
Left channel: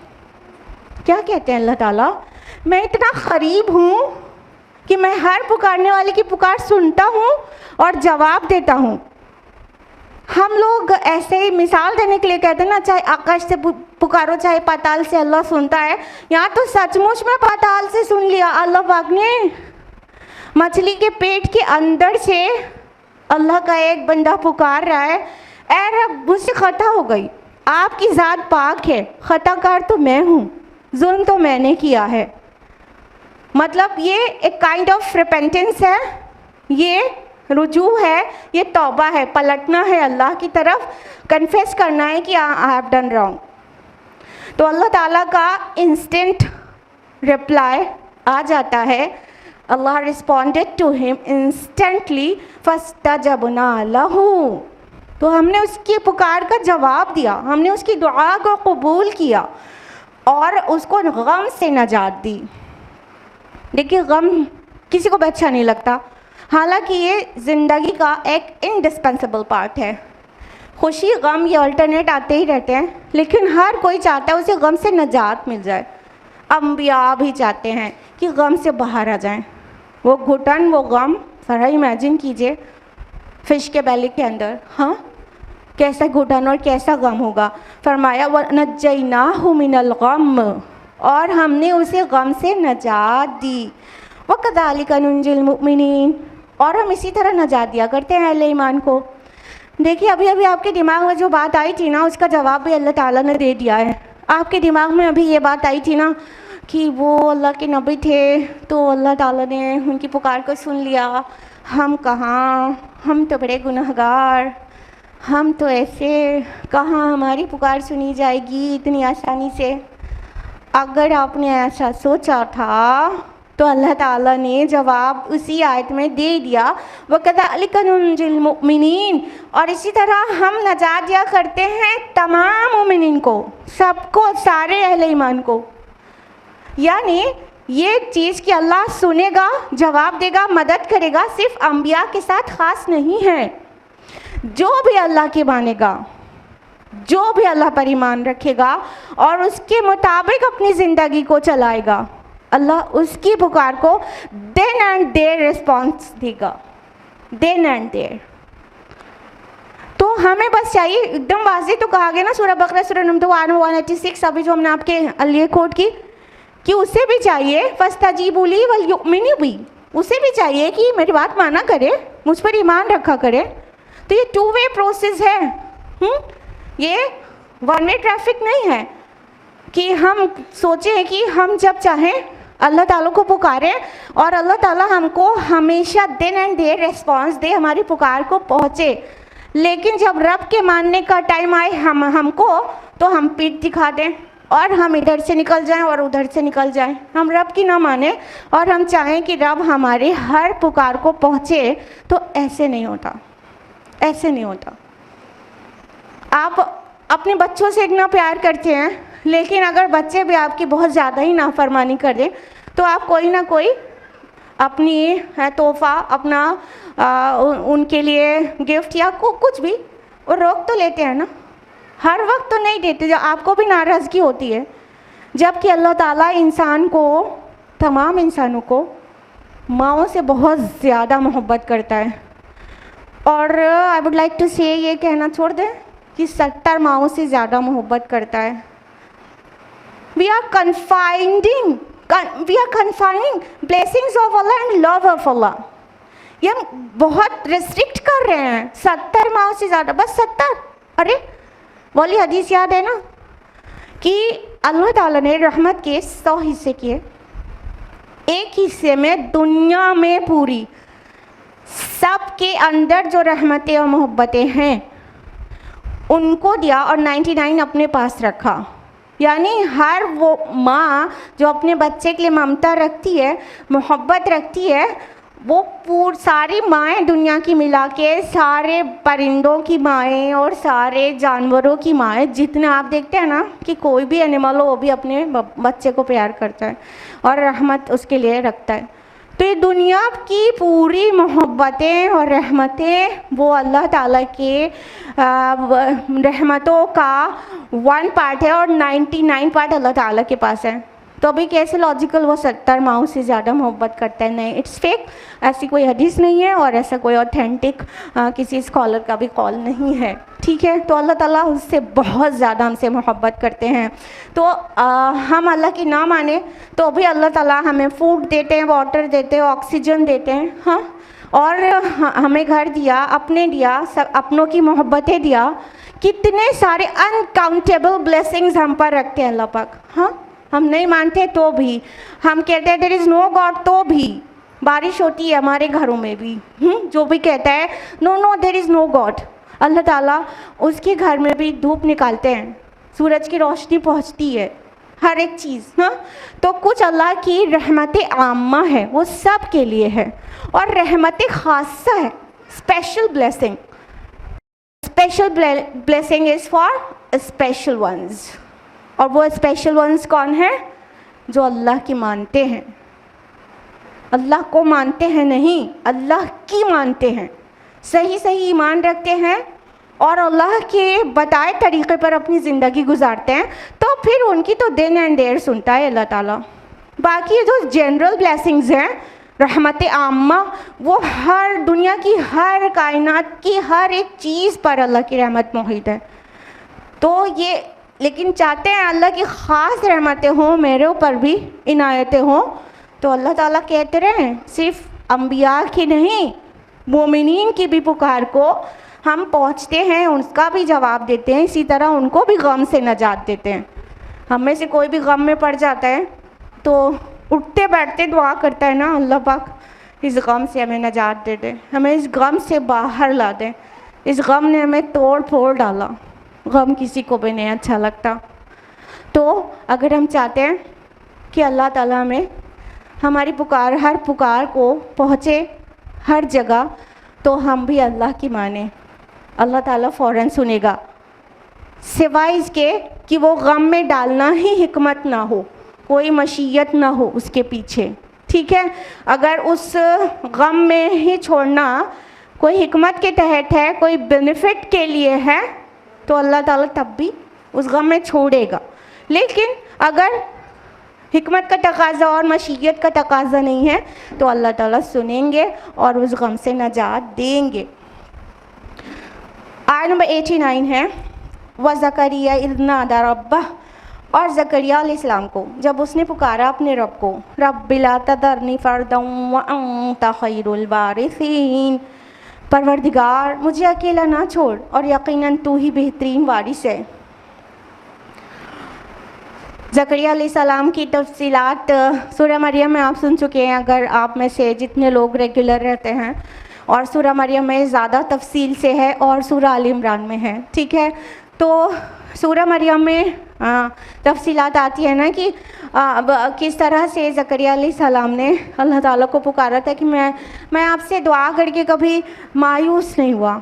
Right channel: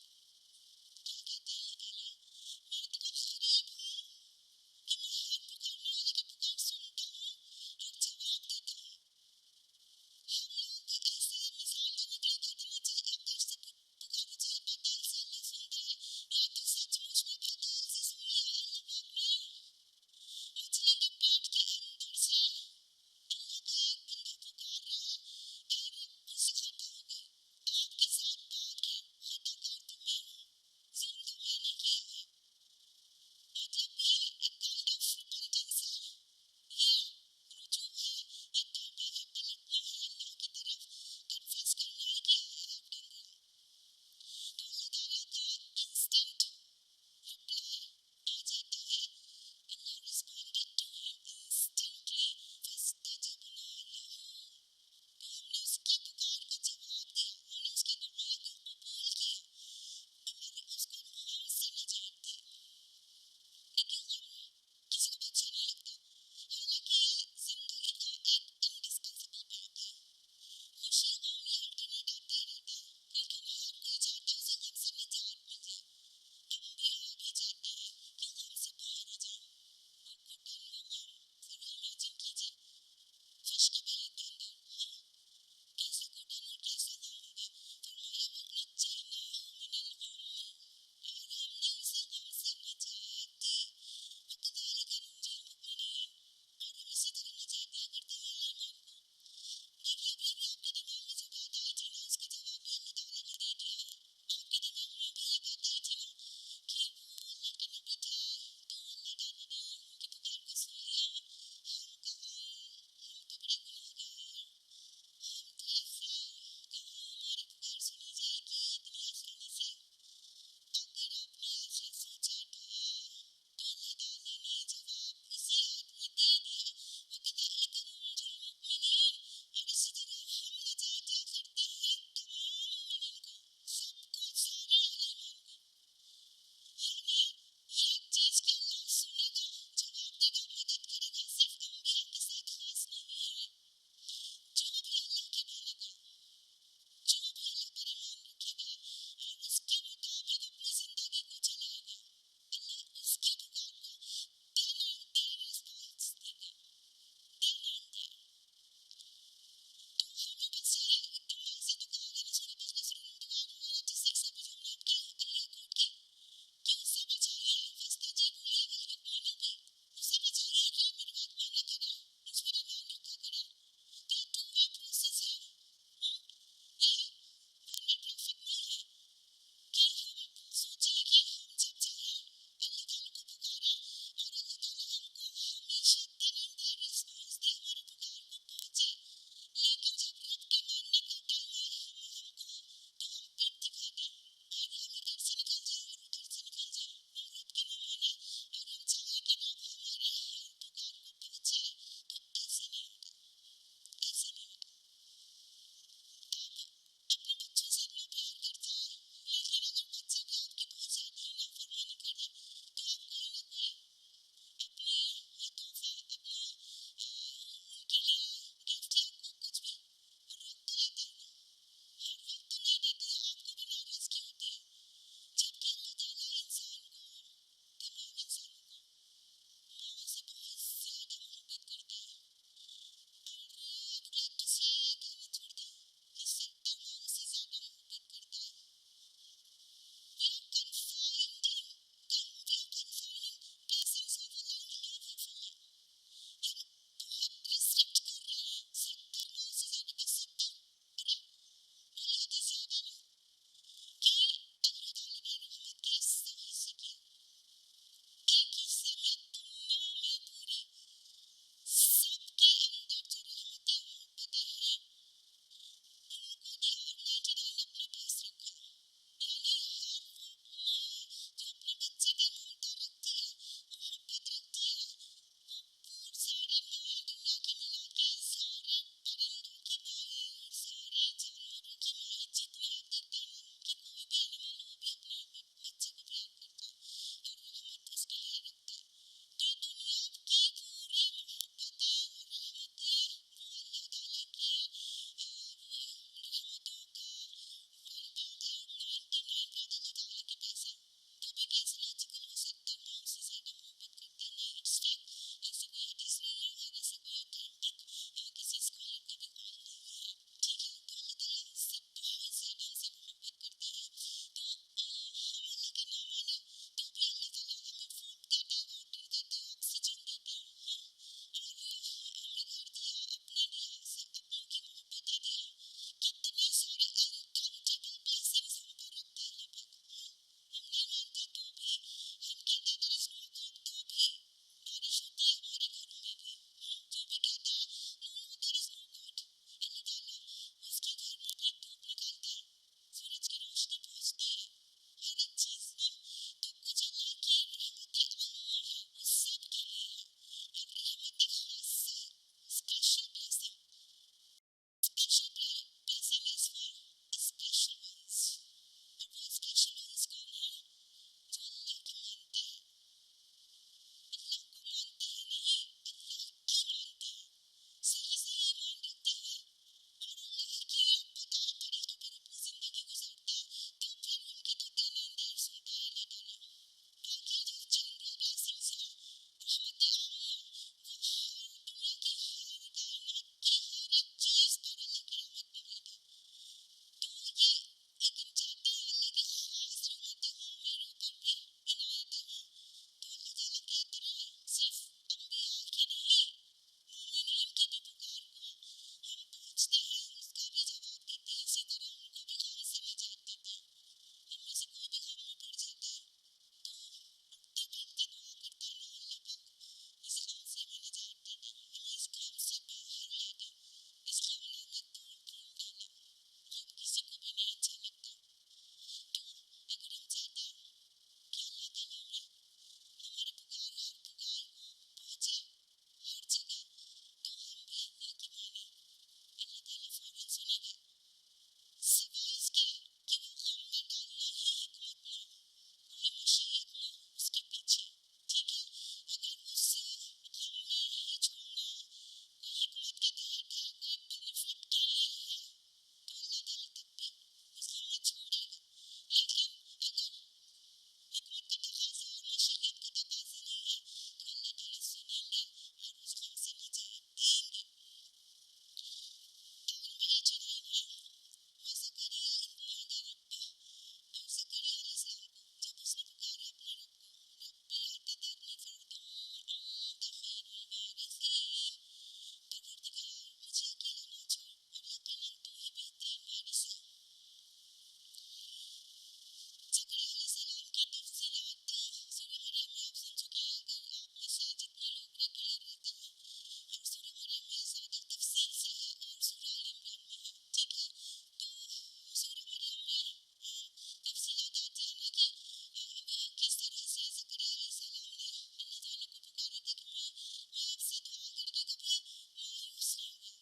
क्या कहते हैं अल्लाह ताला, मैं इतना करीब हूँ कि मैं हर पुकारने वाले की पुकार सुनता हूँ और जवाब देता हूँ। हम लोग ऐसे ही मिसाल देने के लिए कहते हैं ना, चाहे आकाश से पुकारो चाहे पाताल से, अल्लाह सुनता है। यहाँ तो सचमुच में पाताल से सुन लिया। अल्लाह पाक ने मछली के पेट के अंदर से अल्लाह का एक बंदा पुकार रहा है, ऐ रब मुझसे ख़ता हो गई, आपकी ज़ात पाक है, ख़ताकार तो मैं हूँ, जुल्म तो मैंने किया है। मतलब ये एक काइंड ऑफ रिपेंटेंस है, ये रुजू है, ये तौबा है, पलटना है अल्लाह की तरफ, कन्फेस करना है कि आई हैव डन रॉन्ग। तो अल्लाह ताला का इंस्टेंट रिप्लाई आ जाता है। अल्लाह रिस्पॉन्डेड टू हिम इंस्टेंटली, फस्तजबना लहू, तो हमने उसकी पुकार का जवाब दिया, हमने उसकी दुआ को कबूल किया और उसको गम से नजात दी। देखिए, गम किसी को भी अच्छा नहीं लगता, हालांकि ये ज़िंदगी का एक इंडिस्पेंसेबल पार्ट है। खुशी गम ये अल्टरनेट आते ही रहते हैं, लेकिन हर कोई चाहता है उसे गम से नजात मिल जाए। अम्बिया भी चाहते हैं कि गम से बाहर आ जाएं। वो घुटन, वो गम, ज़रा इमेजिन कीजिए फिश के बेले के अंदर, हाँ कैसा घुटन और कैसा गम होगा। फरमाया वनज्जयनाहु मिनल गम, और हमने उसे गम से नजात दी। वकज़ालिका नुंजिल मुमिनीन, और हम इसी तरह नजात दिया करते हैं अहले ईमान को। देखिए, अभी अभी आपके दिमाग में जो बात आई थी ना, उसका जवाब भी अल्लाह ताला ने दे दिया है। आपके दिमाग में अभी ये बात आई थी ना कि वो अल्लाह के नबी थे तो अल्लाह ताला ने उनकी पुकार को सुन लिया। हम कहाँ, हम तो बड़े गुनहगार, हम तो ऐसे, कहाँ हमारी पुकार सुनी जाएगी इतनी आसानी से। अगर आपने ऐसा सोचा था तो अल्लाह ताला ने जवाब उसी आयत में दे दिया, वकज़ालिका नुंजिल मुमिनीन, और इसी तरह हम नजात दिया करते हैं तमाम मोमिनीन को, सबको, सारे अहले ईमान को। यानी ये चीज़ कि अल्लाह सुनेगा, जवाब देगा, मदद करेगा, सिर्फ अंबिया के साथ ख़ास नहीं है। जो भी अल्लाह के मानेगा, जो भी अल्लाह पर ईमान रखेगा और उसके मुताबिक अपनी ज़िंदगी को चलाएगा, अल्लाह उसकी पुकार को देन एंड देयर रिस्पॉन्स देगा, देन एंड देयर। तो हमें बस चाहिए, एकदम वाज़ेह तो कहा गया ना सूरह बकरा सूरह नंबर 186, अभी जो हमने आपके लिए कोट की, कि उसे भी चाहिए फस्तजीबू ली वल युमिनू बी, उसे भी चाहिए कि मेरी बात माना करे, मुझ पर ईमान रखा करे। तो ये 2 वे प्रोसेस है, ये 1 वे ट्रैफिक नहीं है कि हम सोचें कि हम जब चाहें अल्लाह ताला को पुकारें और अल्लाह ताला हमको हमेशा देन एंड देयर रिस्पॉन्स दे, हमारी पुकार को पहुँचे। लेकिन जब रब के मानने का टाइम आए हमको, तो हम पीठ दिखा दें और हम इधर से निकल जाएं और उधर से निकल जाएं। हम रब की ना माने और हम चाहें कि रब हमारे हर पुकार को पहुँचे, तो ऐसे नहीं होता, ऐसे नहीं होता। आप अपने बच्चों से इतना प्यार करते हैं, लेकिन अगर बच्चे भी आपकी बहुत ज़्यादा ही नाफरमानी कर दें, तो आप कोई ना कोई अपनी तोहफ़ा, अपना उनके लिए गिफ्ट या कुछ भी वो रोक तो लेते हैं ना। हर वक्त तो नहीं देते, जो आपको भी नाराज़गी होती है। जबकि अल्लाह ताला इंसान को, तमाम इंसानों को माँओं से बहुत ज़्यादा मोहब्बत करता है। और आई वुड लाइक टू से, ये कहना छोड़ दें कि 70 माँओं से ज़्यादा मोहब्बत करता है। We are confining blessings of Allah and love of Allah. ये हम बहुत रिस्ट्रिक्ट कर रहे हैं, 70 माओ से ज़्यादा, बस 70। अरे वाली हदीस याद है ना कि अल्लाह ताला ने रहमत के 100 हिस्से किए, एक हिस्से में दुनिया में पूरी सबके अंदर जो रहमतें और मोहब्बतें हैं उनको दिया और 99 अपने पास रखा। यानी हर वो माँ जो अपने बच्चे के लिए ममता रखती है, मोहब्बत रखती है, वो सारी माएँ दुनिया की मिला के, सारे परिंदों की माएँ और सारे जानवरों की माएँ, जितने आप देखते हैं ना कि कोई भी एनिमल हो वो भी अपने बच्चे को प्यार करता है और रहमत उसके लिए रखता है। तो ये दुनिया की पूरी मोहब्बतें और रहमतें वो अल्लाह ताला के रहमतों का 1 पार्ट है और 99 पार्ट अल्लाह ताला के पास है। तो अभी कैसे लॉजिकल वो 70 माओं से ज़्यादा मोहब्बत करता है? नहीं, इट्स फेक। ऐसी कोई हदीस नहीं है और ऐसा कोई ऑथेंटिक किसी स्कॉलर का भी कॉल नहीं है, ठीक है। तो अल्लाह ताला उससे बहुत ज़्यादा हमसे मोहब्बत करते हैं। तो हम अल्लाह की ना माने तो भी अल्लाह ताला हमें फूड देते हैं, वाटर देते हैं, ऑक्सीजन देते हैं, हाँ, और हमें घर दिया, अपने दिया, सब अपनों की मोहब्बतें दिया। कितने सारे अनकाउंटेबल ब्लेसिंग्स हम पर रखते हैं अल्लाह पाक। हाँ, हम नहीं मानते तो भी, हम कहते हैं देयर इज़ नो गॉड तो भी बारिश होती है हमारे घरों में भी। जो भी कहता है no there is no god, Allah Taala उसके घर में भी धूप निकालते हैं, सूरज की रोशनी पहुंचती है, हर एक चीज़। हाँ, तो कुछ अल्लाह की रहमत आम्मा है, वो सब के लिए है, और रहमत खासा है, special blessing, special blessing is for special ones. और वो स्पेशल वंस कौन है? जो अल्लाह की मानते हैं। अल्लाह को मानते हैं नहीं, अल्लाह की मानते हैं, सही सही ईमान रखते हैं और अल्लाह के बताए तरीक़े पर अपनी ज़िंदगी गुजारते हैं, तो फिर उनकी तो दिन एंड देर सुनता है अल्लाह ताला। बाकी जो जनरल ब्लेसिंग्स हैं, रहमत आम्मा, वो हर दुनिया की हर कायनात की हर एक चीज़ पर अल्लाह की रहमत मोहित है। तो ये लेकिन चाहते हैं अल्लाह की ख़ास रहमतें हों, मेरे ऊपर भी इनायतें हों, तो अल्लाह ताला कहते रहें सिर्फ अम्बिया की नहीं, मोमिनीन की भी पुकार को हम पहुँचते हैं, उसका भी जवाब देते हैं, इसी तरह उनको भी गम से नजात देते हैं। हम में से कोई भी गम में पड़ जाता है तो उठते बैठते दुआ करता है ना, अल्लाह पाक इस गम से हमें नजात दे दे, हमें इस गम से बाहर ला दे। इस गम ने हमें तोड़ फोड़ डाला, गम किसी को भी नहीं अच्छा लगता। तो अगर हम चाहते हैं कि अल्लाह ताला हमें हमारी पुकार, हर पुकार को पहुँचे हर जगह, तो हम भी अल्लाह की माने, अल्लाह ताला फ़ौरन सुनेगा, सिवाय इसके कि वो गम में डालना ही हिकमत ना हो, कोई मशीयत ना हो उसके पीछे। ठीक है, अगर उस गम में ही छोड़ना कोई हिकमत के तहत है, कोई बेनिफिट के लिए है, तो अल्लाह ताला तब भी उस गम में छोड़ेगा। लेकिन अगर हिकमत का तकाज़ा और मशीयत का तकाज़ा नहीं है, तो अल्लाह ताला सुनेंगे और उस गम से नजात देंगे। आयत नंबर 89 है, व ज़करिया इज़ नादा रब्बह, और ज़करिया अलैहिस्सलाम को जब उसने पुकारा अपने रब को, रब्बि ला तज़रनी फ़र्दन व अंता खैरुल वारिसीन, परवरदिगार मुझे अकेला ना छोड़ और यकीनन तू ही बेहतरीन वारिस है। ज़करिया अलैहिस्सलाम की तफसीलात सूरह मरियम में आप सुन चुके हैं, अगर आप में से जितने लोग रेगुलर रहते हैं, और सूरह मरियम में ज़्यादा तफसील से है और सूरह आल इमरान में है। ठीक है, तो सूरह मरियम में तफसीलात आती है ना कि किस तरह से ज़करिया अलैहिस्सलाम ने अल्लाह ताला को पुकारा था कि मैं आपसे दुआ करके कभी मायूस नहीं हुआ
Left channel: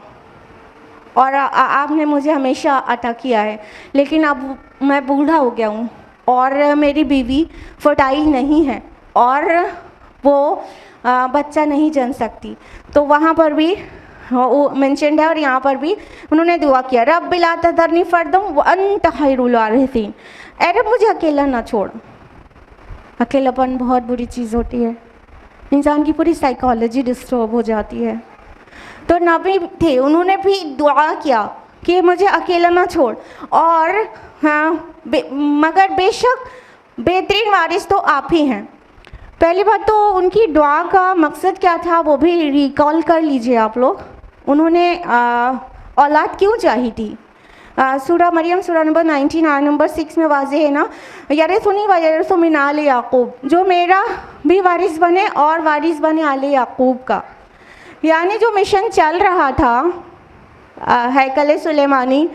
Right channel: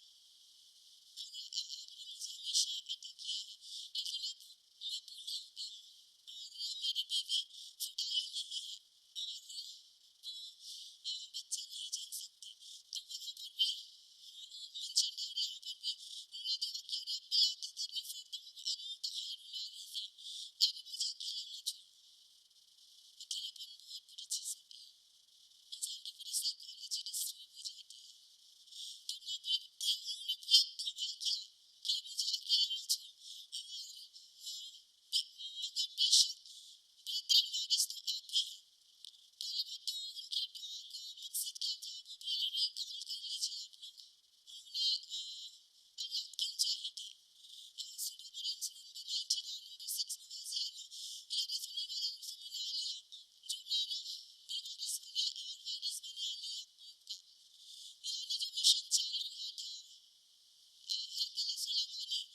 और आपने मुझे हमेशा अता किया है, लेकिन अब मैं बूढ़ा हो गया हूँ और मेरी बीवी फर्टाइल नहीं है और वो बच्चा नहीं जन सकती। तो वहाँ पर भी वो मेंशन्ड है और यहाँ पर भी उन्होंने दुआ किया, रब्बि ला तज़रनी फ़र्दन व अंता खैरुल वारिसीन, अरे मुझे अकेला ना छोड़। अकेलापन बहुत बुरी चीज़ होती है, इंसान की पूरी साइकोलॉजी डिस्टर्ब हो जाती है। तो नबी थे, उन्होंने भी दुआ किया कि मुझे अकेला ना छोड़, और मगर बेशक बेहतरीन वारिस तो आप ही हैं। पहली बात तो उनकी दुआ का मकसद क्या था वो भी रिकॉल कर लीजिए आप लोग। उन्होंने औलाद क्यों चाही थी? सूरह मरियम सूरह नंबर 19 आयत नंबर 6 में वाज़ेह है ना, यरिसुनी व यरिसु मिन आले याकूब, जो मेरा भी वारिस बने और वारिस बने आले याकूब का। यानी जो मिशन चल रहा था हैकल सुलेमानी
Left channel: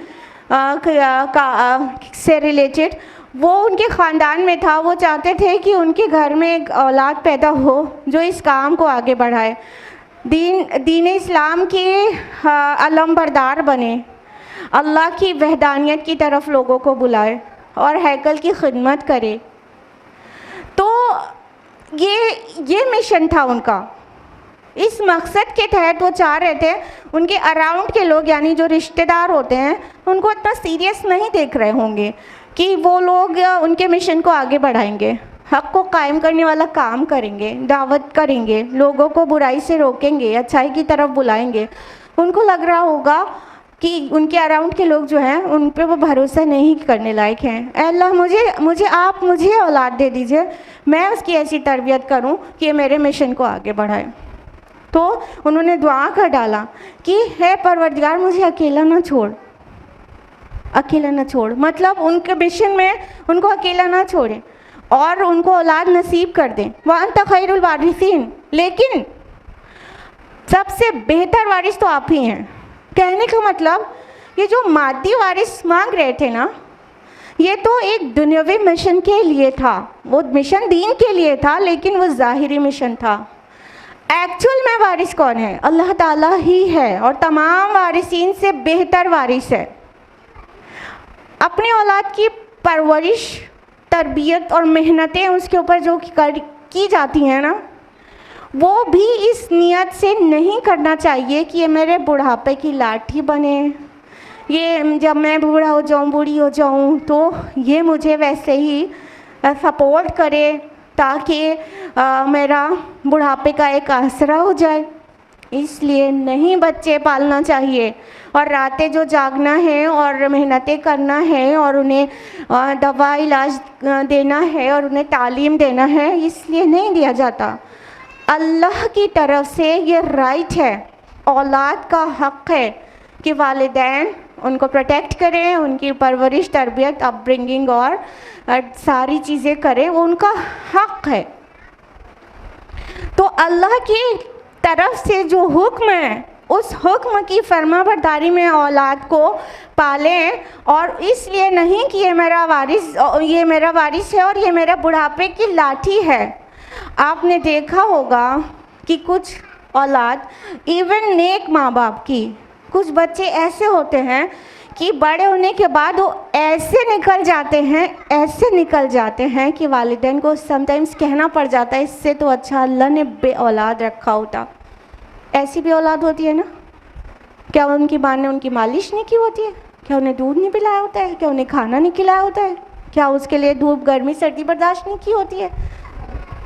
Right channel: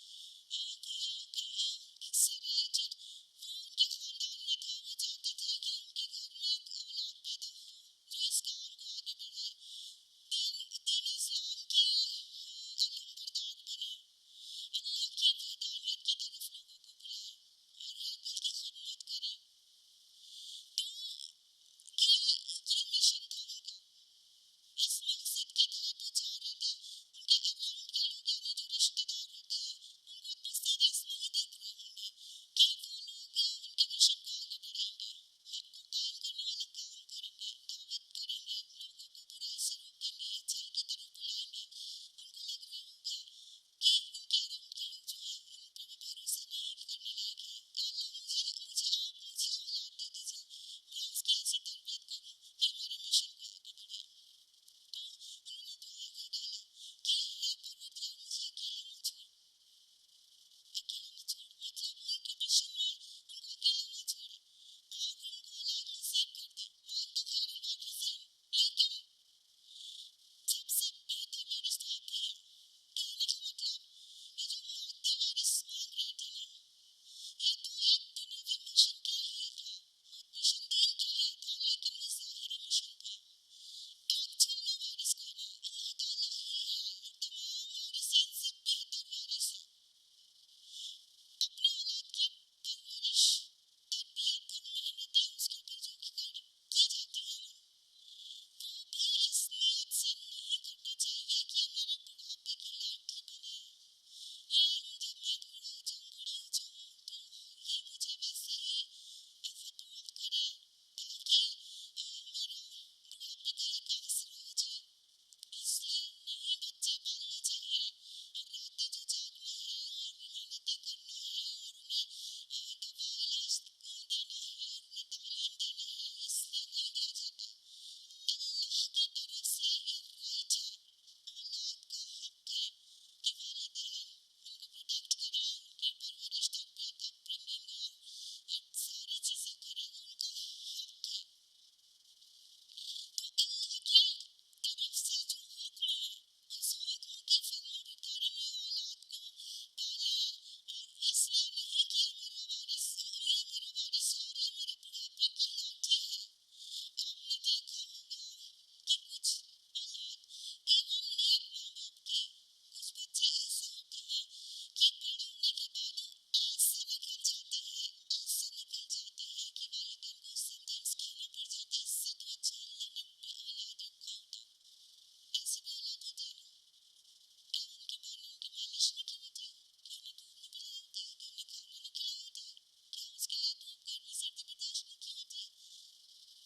से रिलेटेड, वो उनके ख़ानदान में था। वो चाहते थे कि उनके घर में एक औलाद पैदा हो जो इस काम को आगे बढ़ाए, दीन इस्लाम के अलमबरदार बने, अल्लाह की वहदानियत की तरफ लोगों को बुलाए और हैकल की खिदमत करे। तो ये मिशन था उनका। इस मकसद के तहत वो चाह रहे थे उनके अराउंड के लोग, यानी जो रिश्तेदार होते हैं, उनको इतना सीरियस नहीं देख रहे होंगे कि वो लोग उनके मिशन को आगे बढ़ाएंगे, हक़ को कायम करने वाला काम करेंगे, दावत करेंगे, लोगों को बुराई से रोकेंगे, अच्छाई की तरफ बुलाएंगे। उनको लग रहा होगा कि उनके अराउंड के लोग जो हैं उन पे वो भरोसा नहीं करने लायक हैं। अल्लाह मुझे औलाद दे दीजिए, मैं उसकी ऐसी तरबियत करूं कि ये मेरे मिशन को आगे बढ़ाए। तो उन्होंने दुआ कर डाला कि हे परवरदिगार मुझे अकेला ना छोड़, अकेला ना छोड़, मतलब उनके मिशन में उनको अकेला ना छोड़े और उनको औलाद नसीब कर दें। व अंता खैरुल वारिसीन, लेकिन सबसे बेहतर वारिस तो आप ही हैं। कहने का मतलब ये जो मादी वारिस मांग रहे थे ना, ये तो एक दुनियावी मिशन के लिए था, वो मिशन दीन के लिए था, लेकिन वो ज़ाहिरी मिशन था। एक्चुअल में वारिस कौन है? अल्लाह ताला ही है और तमाम वारिसीन से बेहतर वारिस है। अपनी औलाद की परवरिश, तरबियत और मेहनतें उसके ऊपर जो की जाती हैं ना, वो भी इस नियत से नहीं करना चाहिए कि ये मेरे बुढ़ापे की लाठी बने, ये जब मैं बूढ़ा हो जाऊँ, बूढ़ी हो जाऊँ तो ये मुझे वैसे ही सपोर्ट करे ताकि मेरा बुढ़ापे का एक आसरा हो जाए। इसलिए नहीं बच्चे पालना चाहिए और रातें जो जागना है और मेहनतें करना है और उन्हें दवा इलाज देना है और उन्हें तालीम देना है, इसलिए नहीं दिया जाता। अल्लाह की तरफ से ये राइट है, औलाद का हक़ है कि वालिदैन उनको प्रोटेक्ट करें, उनकी परवरिश, तरबियत, अपब्रिंगिंग और सारी चीज़ें करें, वो उनका हक़ है। तो अल्लाह की तरफ से जो हुक्म है, उस हुक्म की फरमाबरदारी में औलाद को पालें, और इसलिए नहीं कि ये मेरा वारिस है और ये मेरा बुढ़ापे की लाठी है। आपने देखा होगा कि कुछ औलाद, इवन नेक माँ बाप की, कुछ बच्चे ऐसे होते हैं कि बड़े होने के बाद वो ऐसे निकल जाते हैं कि वालिदैन को समटाइम्स कहना पड़ जाता है, इससे तो अच्छा अल्लाह ने बे औलाद रखा होता। ऐसी भी औलाद होती है ना। क्या उनकी माँ ने उनकी मालिश नहीं की होती है? क्या उन्हें दूध नहीं पिलाया होता है? क्या उन्हें खाना नहीं खिलाया होता है? क्या उसके लिए धूप, गर्मी, सर्दी बर्दाश्त नहीं की होती है?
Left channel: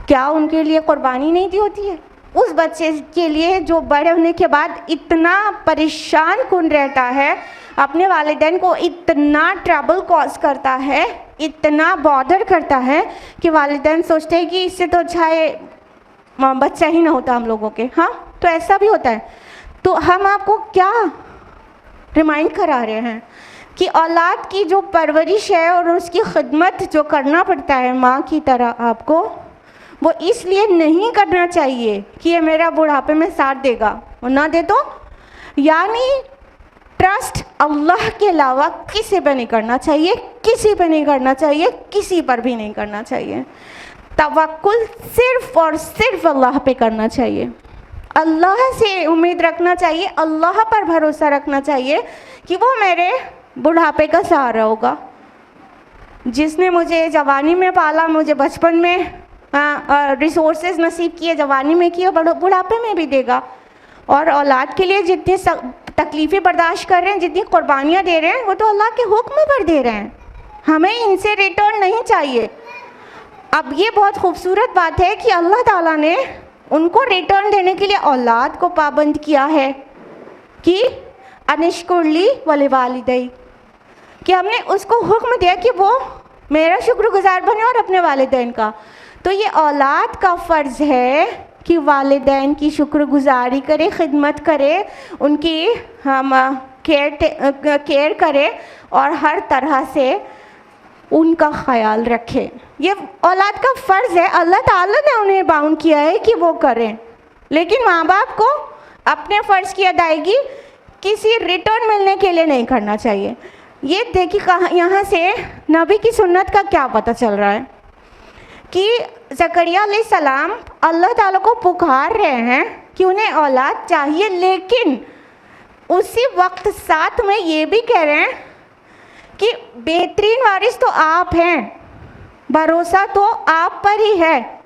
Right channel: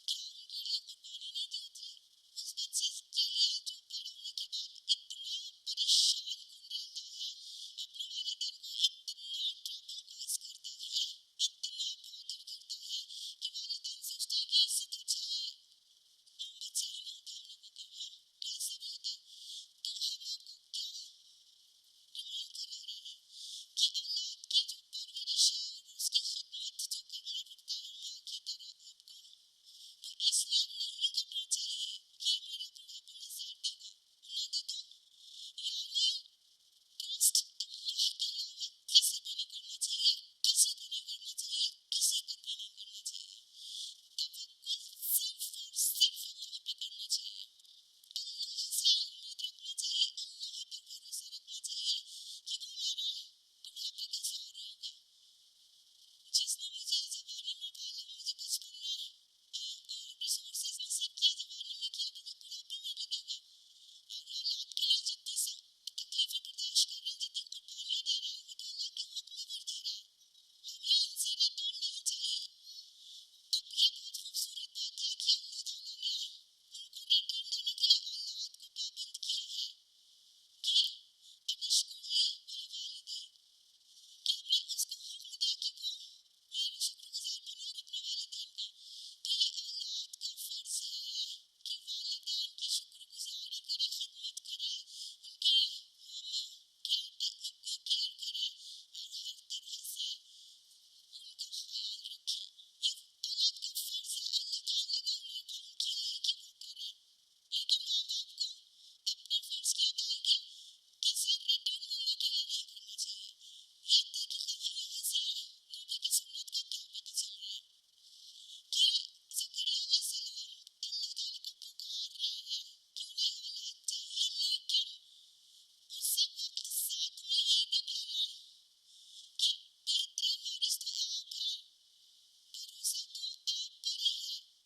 क्या उनके लिए कुर्बानी नहीं दी होती है? उस बच्चे के लिए जो बड़े होने के बाद इतना परेशान कुन रहता है, अपने वालिदैन को इतना ट्रबल कॉज करता है, इतना बॉदर करता है कि वालिदैन सोचते हैं कि इससे तो अच्छा है बच्चा ही ना होता हम लोगों के। हाँ, तो ऐसा भी होता है। तो हम आपको क्या रिमाइंड करा रहे हैं कि औलाद की जो परवरिश है और उसकी खिदमत जो करना पड़ता है माँ की तरह आपको, वो इसलिए नहीं करना चाहिए कि ये मेरा बुढ़ापे में साथ देगा और ना दे तो, यानी ट्रस्ट अल्लाह के अलावा किसी पे नहीं करना चाहिए, किसी पे नहीं करना चाहिए, किसी पर भी नहीं करना चाहिए। तवक्कुल सिर्फ और सिर्फ अल्लाह पे करना चाहिए। अल्लाह से उम्मीद रखना चाहिए, अल्लाह पर भरोसा रखना चाहिए कि वो मेरे बुढ़ापे का सहारा होगा। जिसने मुझे जवानी में पाला, मुझे बचपन में रिसोर्सेज नसीब किए, जवानी में किए, बुढ़ापे में भी देगा। और औलाद के लिए जितनी तकलीफ़ें बर्दाश्त कर रहे हैं, जितनी कुर्बानियाँ दे रहे हैं, वो तो अल्लाह के हुक्म पर दे रहे हैं, हमें इनसे रिटर्न नहीं चाहिए। अब ये बहुत खूबसूरत बात है कि अल्लाह ताला ने उनको रिटर्न देने के लिए औलाद को पाबंद किया है कि अनिश्कुरली वले वालिदै, कि हमने उसको हुक्म दिया कि वो मेरा शुक्रगुजार बने और अपने वालिदैन का। तो ये औलाद का फ़र्ज़ है कि वालिदैन की शुक्रगुजारी करे, खिदमत करे, उनकी हम केयर करे और हर तरह से उनका ख्याल रखें। ये औलाद का फ़र्ज़ है, अल्लाह ताला ने उन्हें बाउंड किया है कि वो करें। लेकिन माँ बाप को अपने फ़र्ज़ की अदायगी किसी रिटर्न मिलने के लिए नहीं करना चाहिए। ये देखिए कहाँ, यहाँ से नबी की सुन्नत का क्या पता चल रहा है कि ज़करिया अलैहिस्सलाम अल्लाह ताला को पुकार रहे हैं कि उन्हें औलाद चाहिए, लेकिन उसी वक्त साथ में ये भी कह रहे हैं कि बेहतरीन वारिस तो आप हैं, भरोसा तो आप पर ही है,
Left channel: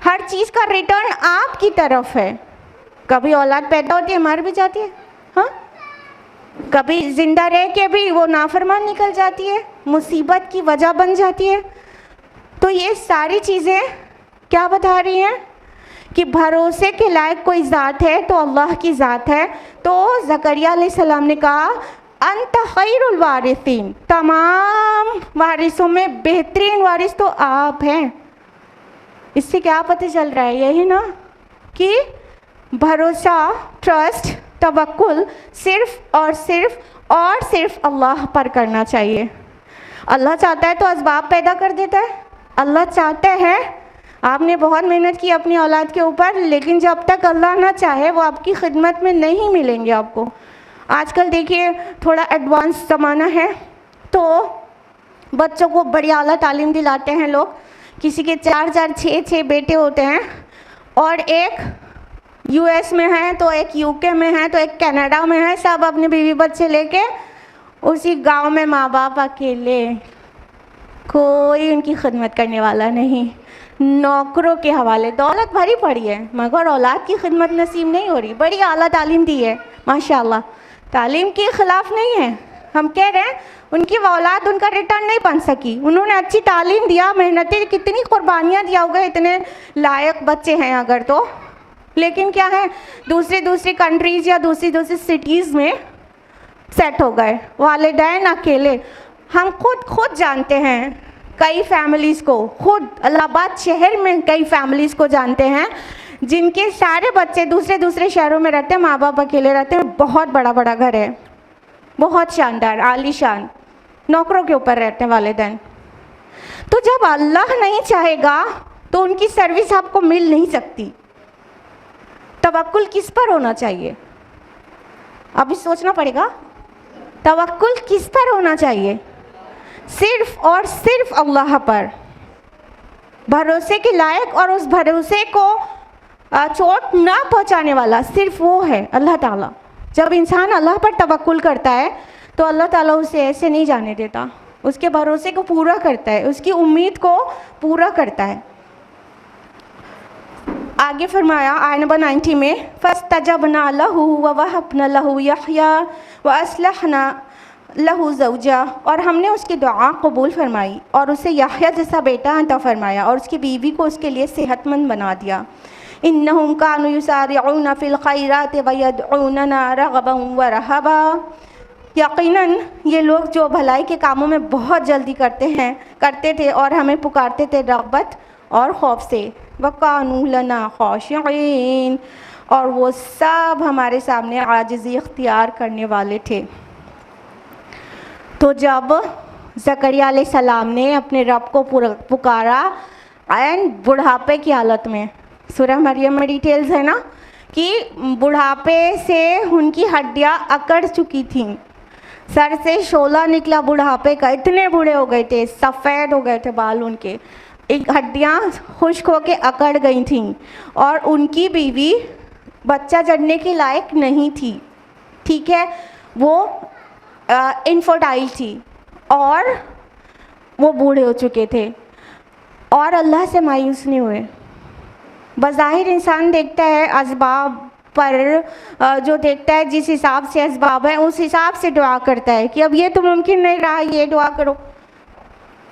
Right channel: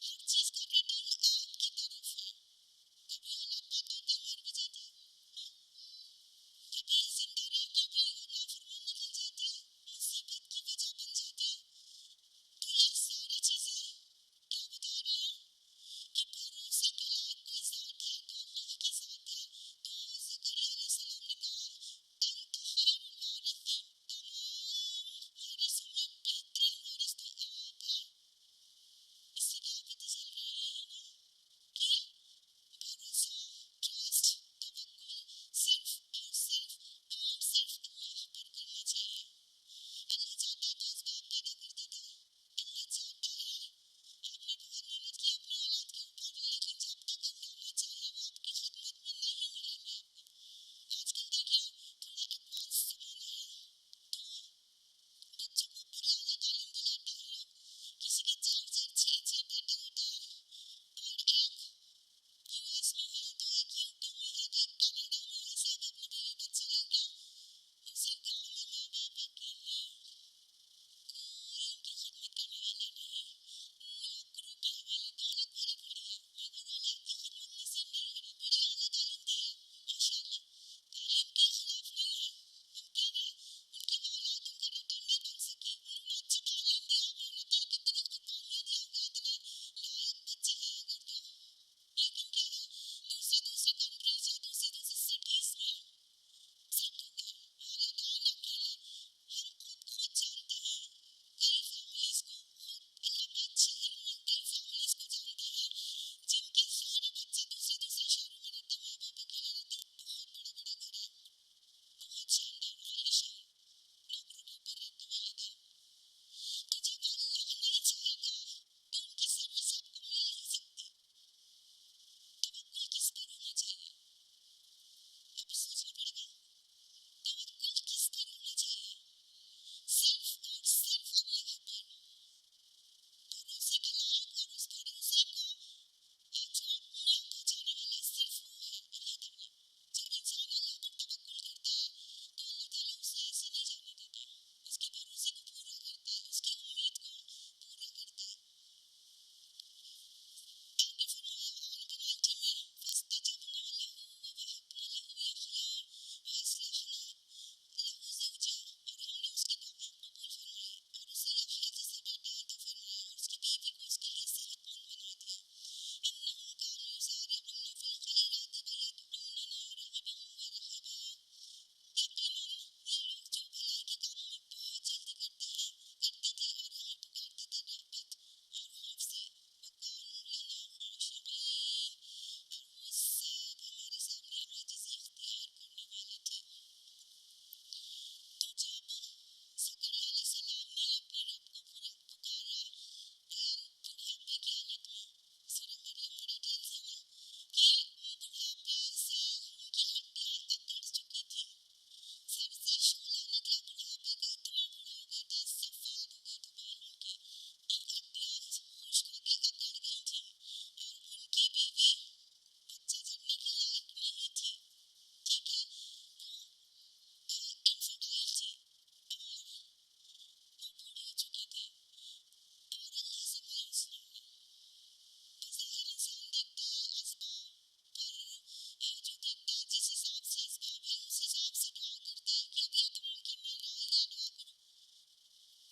हर चीज़ का रिटर्न आपकी तरफ है। कभी औलाद पैदा होती है, मर भी जाती है, हाँ, कभी जिंदा रह के भी वो नाफरमान निकल जाती है, मुसीबत की वजह बन जाती है। तो ये सारी चीज़ें क्या बता रही हैं कि भरोसे के लायक कोई ज़ात है तो अल्लाह की ज़ात है। तो ज़करिया अलैहिस्सलाम ने कहा अंत खैरुल वारिसीन, तमाम वारिसों में बेहतरीन वारिस तो आप हैं। इससे क्या पता चल रहा है? यही ना कि भरोसा, ट्रस्ट, तवक्कुल सिर्फ और सिर्फ अल्लाह पर करना चाहिए। अल्लाह चाहता है तो असबाब पैदा कर देता है। अल्लाह चाहता है, आपने बहुत मेहनत की अपनी औलाद के ऊपर, लेकिन जब तक अल्लाह ना चाहे वो आपकी खिदमत में नहीं मिलेंगे आपको। आजकल देखिए थोड़ा एडवांस ज़माना है तो बच्चों को बड़ी आला तालीम दिलाते हैं लोग। किसी के 4 6 बेटे होते हैं और एक यूएस में है, तो एक यूके में है, तो एक कनाडा में है, सब अपने बीवी बच्चे लेके उसी गांव में, माँ बाप अकेले, कोई उनकी खिदमत करने वाला नहीं, नौकरों के हवाले। दौलत भरी पड़ी है मगर औलाद की खिदमत नसीब नहीं हो रही। बड़ी आला तालीम दी है माशाल्लाह, तालीम के ख़िलाफ़ नहीं है, हम कह रहे हैं उनकी औलाद उनका रिटर्न नहीं बन सकी। उन्होंने अच्छी तालीम दिया, मेहनतें, कितनी कुर्बानियाँ दिया होगा, इतने लायक बच्चे हैं अगर तो, लेकिन क्या है दूसरी कंट्रीज़ या दूसरी सिटीज़ में सेट हो गए, वालिदैन अकेले। हम खुद जानते हैं कई फैमिलीज़ को, खुद इलाहाबाद शहर में कई फैमिलीज़ को जानते हैं जिनके सारे बच्चे दूसरे शहरों में रहते हैं, माँ बाप अकेले रहते हैं, बहुत बड़ा घर है, बहुत शानदार आलीशान, नौकरों के ऊपर रहते हैं वालिदैन। तो जब अल्लाह नहीं चाहेगा तो उनकी सर्विस आपको मिल नहीं सकती। तवक्कुल किस पर होना चाहिए, अभी सोचना पड़ेगा। तवक्कुल किस पर होना चाहिए? सिर्फ और सिर्फ अल्लाह पर, भरोसे के लायक और उस भरोसे को चोट ना पहुंचाने वाला सिर्फ वो है अल्लाह ताला। जब इंसान अल्लाह पर तवक्कुल करता है तो अल्लाह ताला उसे ऐसे नहीं जाने देता, उसके भरोसे को पूरा करता है, उसकी उम्मीद को पूरा करता है। आगे फरमाया आयत नंबर 90 में, फस्तजबना लहू व वहबना लहू यहया व असलहना लहू ज़ौजा, और हमने उसकी दुआ कबूल फरमाई और उसे यहया जैसा बेटा अता फरमाया और उसकी बीवी को उसके लिए सेहतमंद बना दिया। इन्नहुम कानू युसारिऊना फिल खैरात व यदऊनना रगबन व रहबा, यकीनन ये लोग जो भलाई के कामों में बहुत जल्दी करते थे और हमें पुकारते थे रग़बत और खौफ से। वकानू लना खाशिईन, और वो सब हमारे सामने आजिज़ी इख्तियार करने वाले थे। तो जब ज़करिया अलैहिस्सलाम ने अपने रब को पुकारा एंड बुढ़ापे की हालत में, सूरह मरियम में डिटेल्स है ना कि बुढ़ापे से उनकी हड्डियां अकड़ चुकी थीं, सर से शोला निकला बुढ़ापे का, इतने बूढ़े हो गए थे, सफ़ेद हो गए थे बाल उनके, एक हड्डियां खुश्क होके अकड़ गई थीं और उनकी बीवी बच्चा जन्ने के लायक नहीं थी। ठीक है, वो इनफर्टाइल थी और वो बूढ़े हो चुके थे और अल्लाह से मायूस नहीं हुए। बज़ाहिर इंसान देखता है असबाब पर, जो देखता है जिस हिसाब से असबाब है उस हिसाब से दुआ करता है कि अब ये तो मुमकिन नहीं रहा, ये दुआ करो।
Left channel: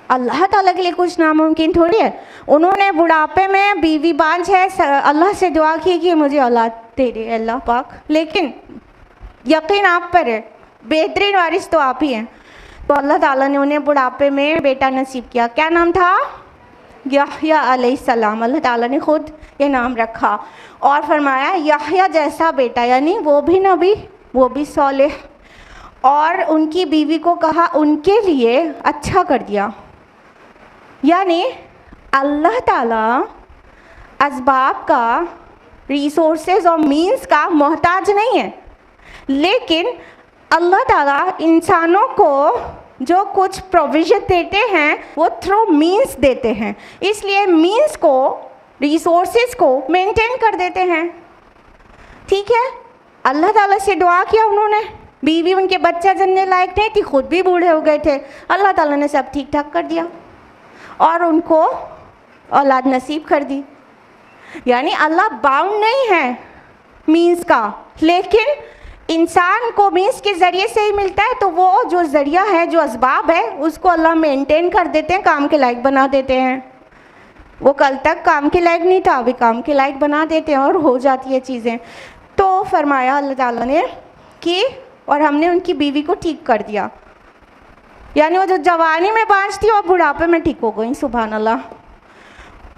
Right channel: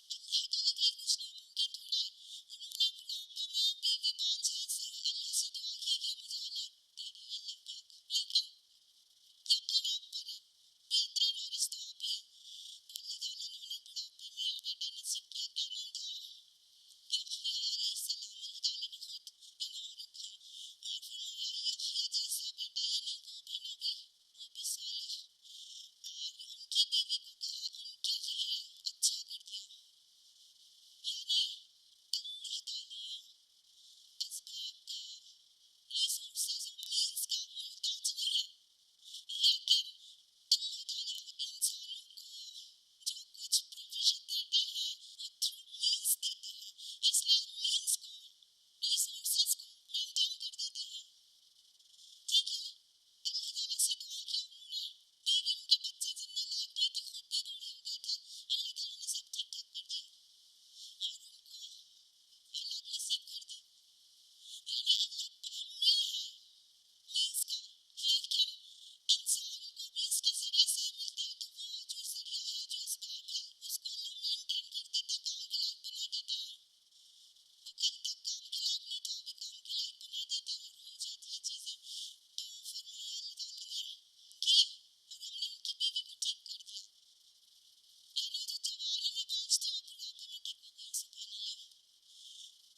अल्लाह ताला के लिए कुछ नामुमकिन थोड़ी है। उन्होंने बुढ़ापे में बीवी बांझ है, अल्लाह से दुआ की कि मुझे औलाद दे दे अल्लाह पाक, लेकिन यकीन आप पर है, बेहतरीन वारिस तो आप ही हैं। तो अल्लाह ताला ने उन्हें बुढ़ापे में बेटा नसीब किया। क्या नाम था? यहया अलैहिस्सलाम। अल्लाह ताला ने खुद ये नाम रखा और फरमाया यहया जैसा बेटा, यानी वो भी नबी, वो भी सौलेह, और उनकी बीवी को कहा उनके लिए अच्छा कर दिया। यानी अल्लाह ताला असबाब का, रिसोर्सेज और मीन्स का मोहताज नहीं है, लेकिन अल्लाह ताला इंसानों को जो कुछ प्रोविज़न देते हैं वो थ्रू मीन्स देते हैं, इसलिए मीन्स को, रिसोर्सेज को मेंटेन कर देते हैं। ठीक है, अल्लाह ताला से दुआ किया उन्होंने, बीवी उनके बच्चा जनने लायक नहीं थी, खुद भी बूढ़े हो गए थे, अल्लाह ताला ने सब ठीक ठाक कर दिया और उनको औलाद नसीब कर दी। यानी अल्लाह बाउंड नहीं है मीन्स का, लेकिन इंसान को मीन्स के ज़रिए से ही मिलता है, तो वो जो ज़रिया है, जो असबाब है, उसको अल्लाह मेंटेन कर देते हैं, काम के लायक बना देते हैं। वो कल तक काम के लायक नहीं था, अभी काम के लायक बना देते हैं और हो जाती है चीज़ें। तो फरमाया अल्लाह ताला ने कि और हमने उनकी बीवी को ठीक कर दिया, यानी वो जो जवानी में बांझ थी और बुढ़ापे में ठीक हो गई, सुभान अल्लाह।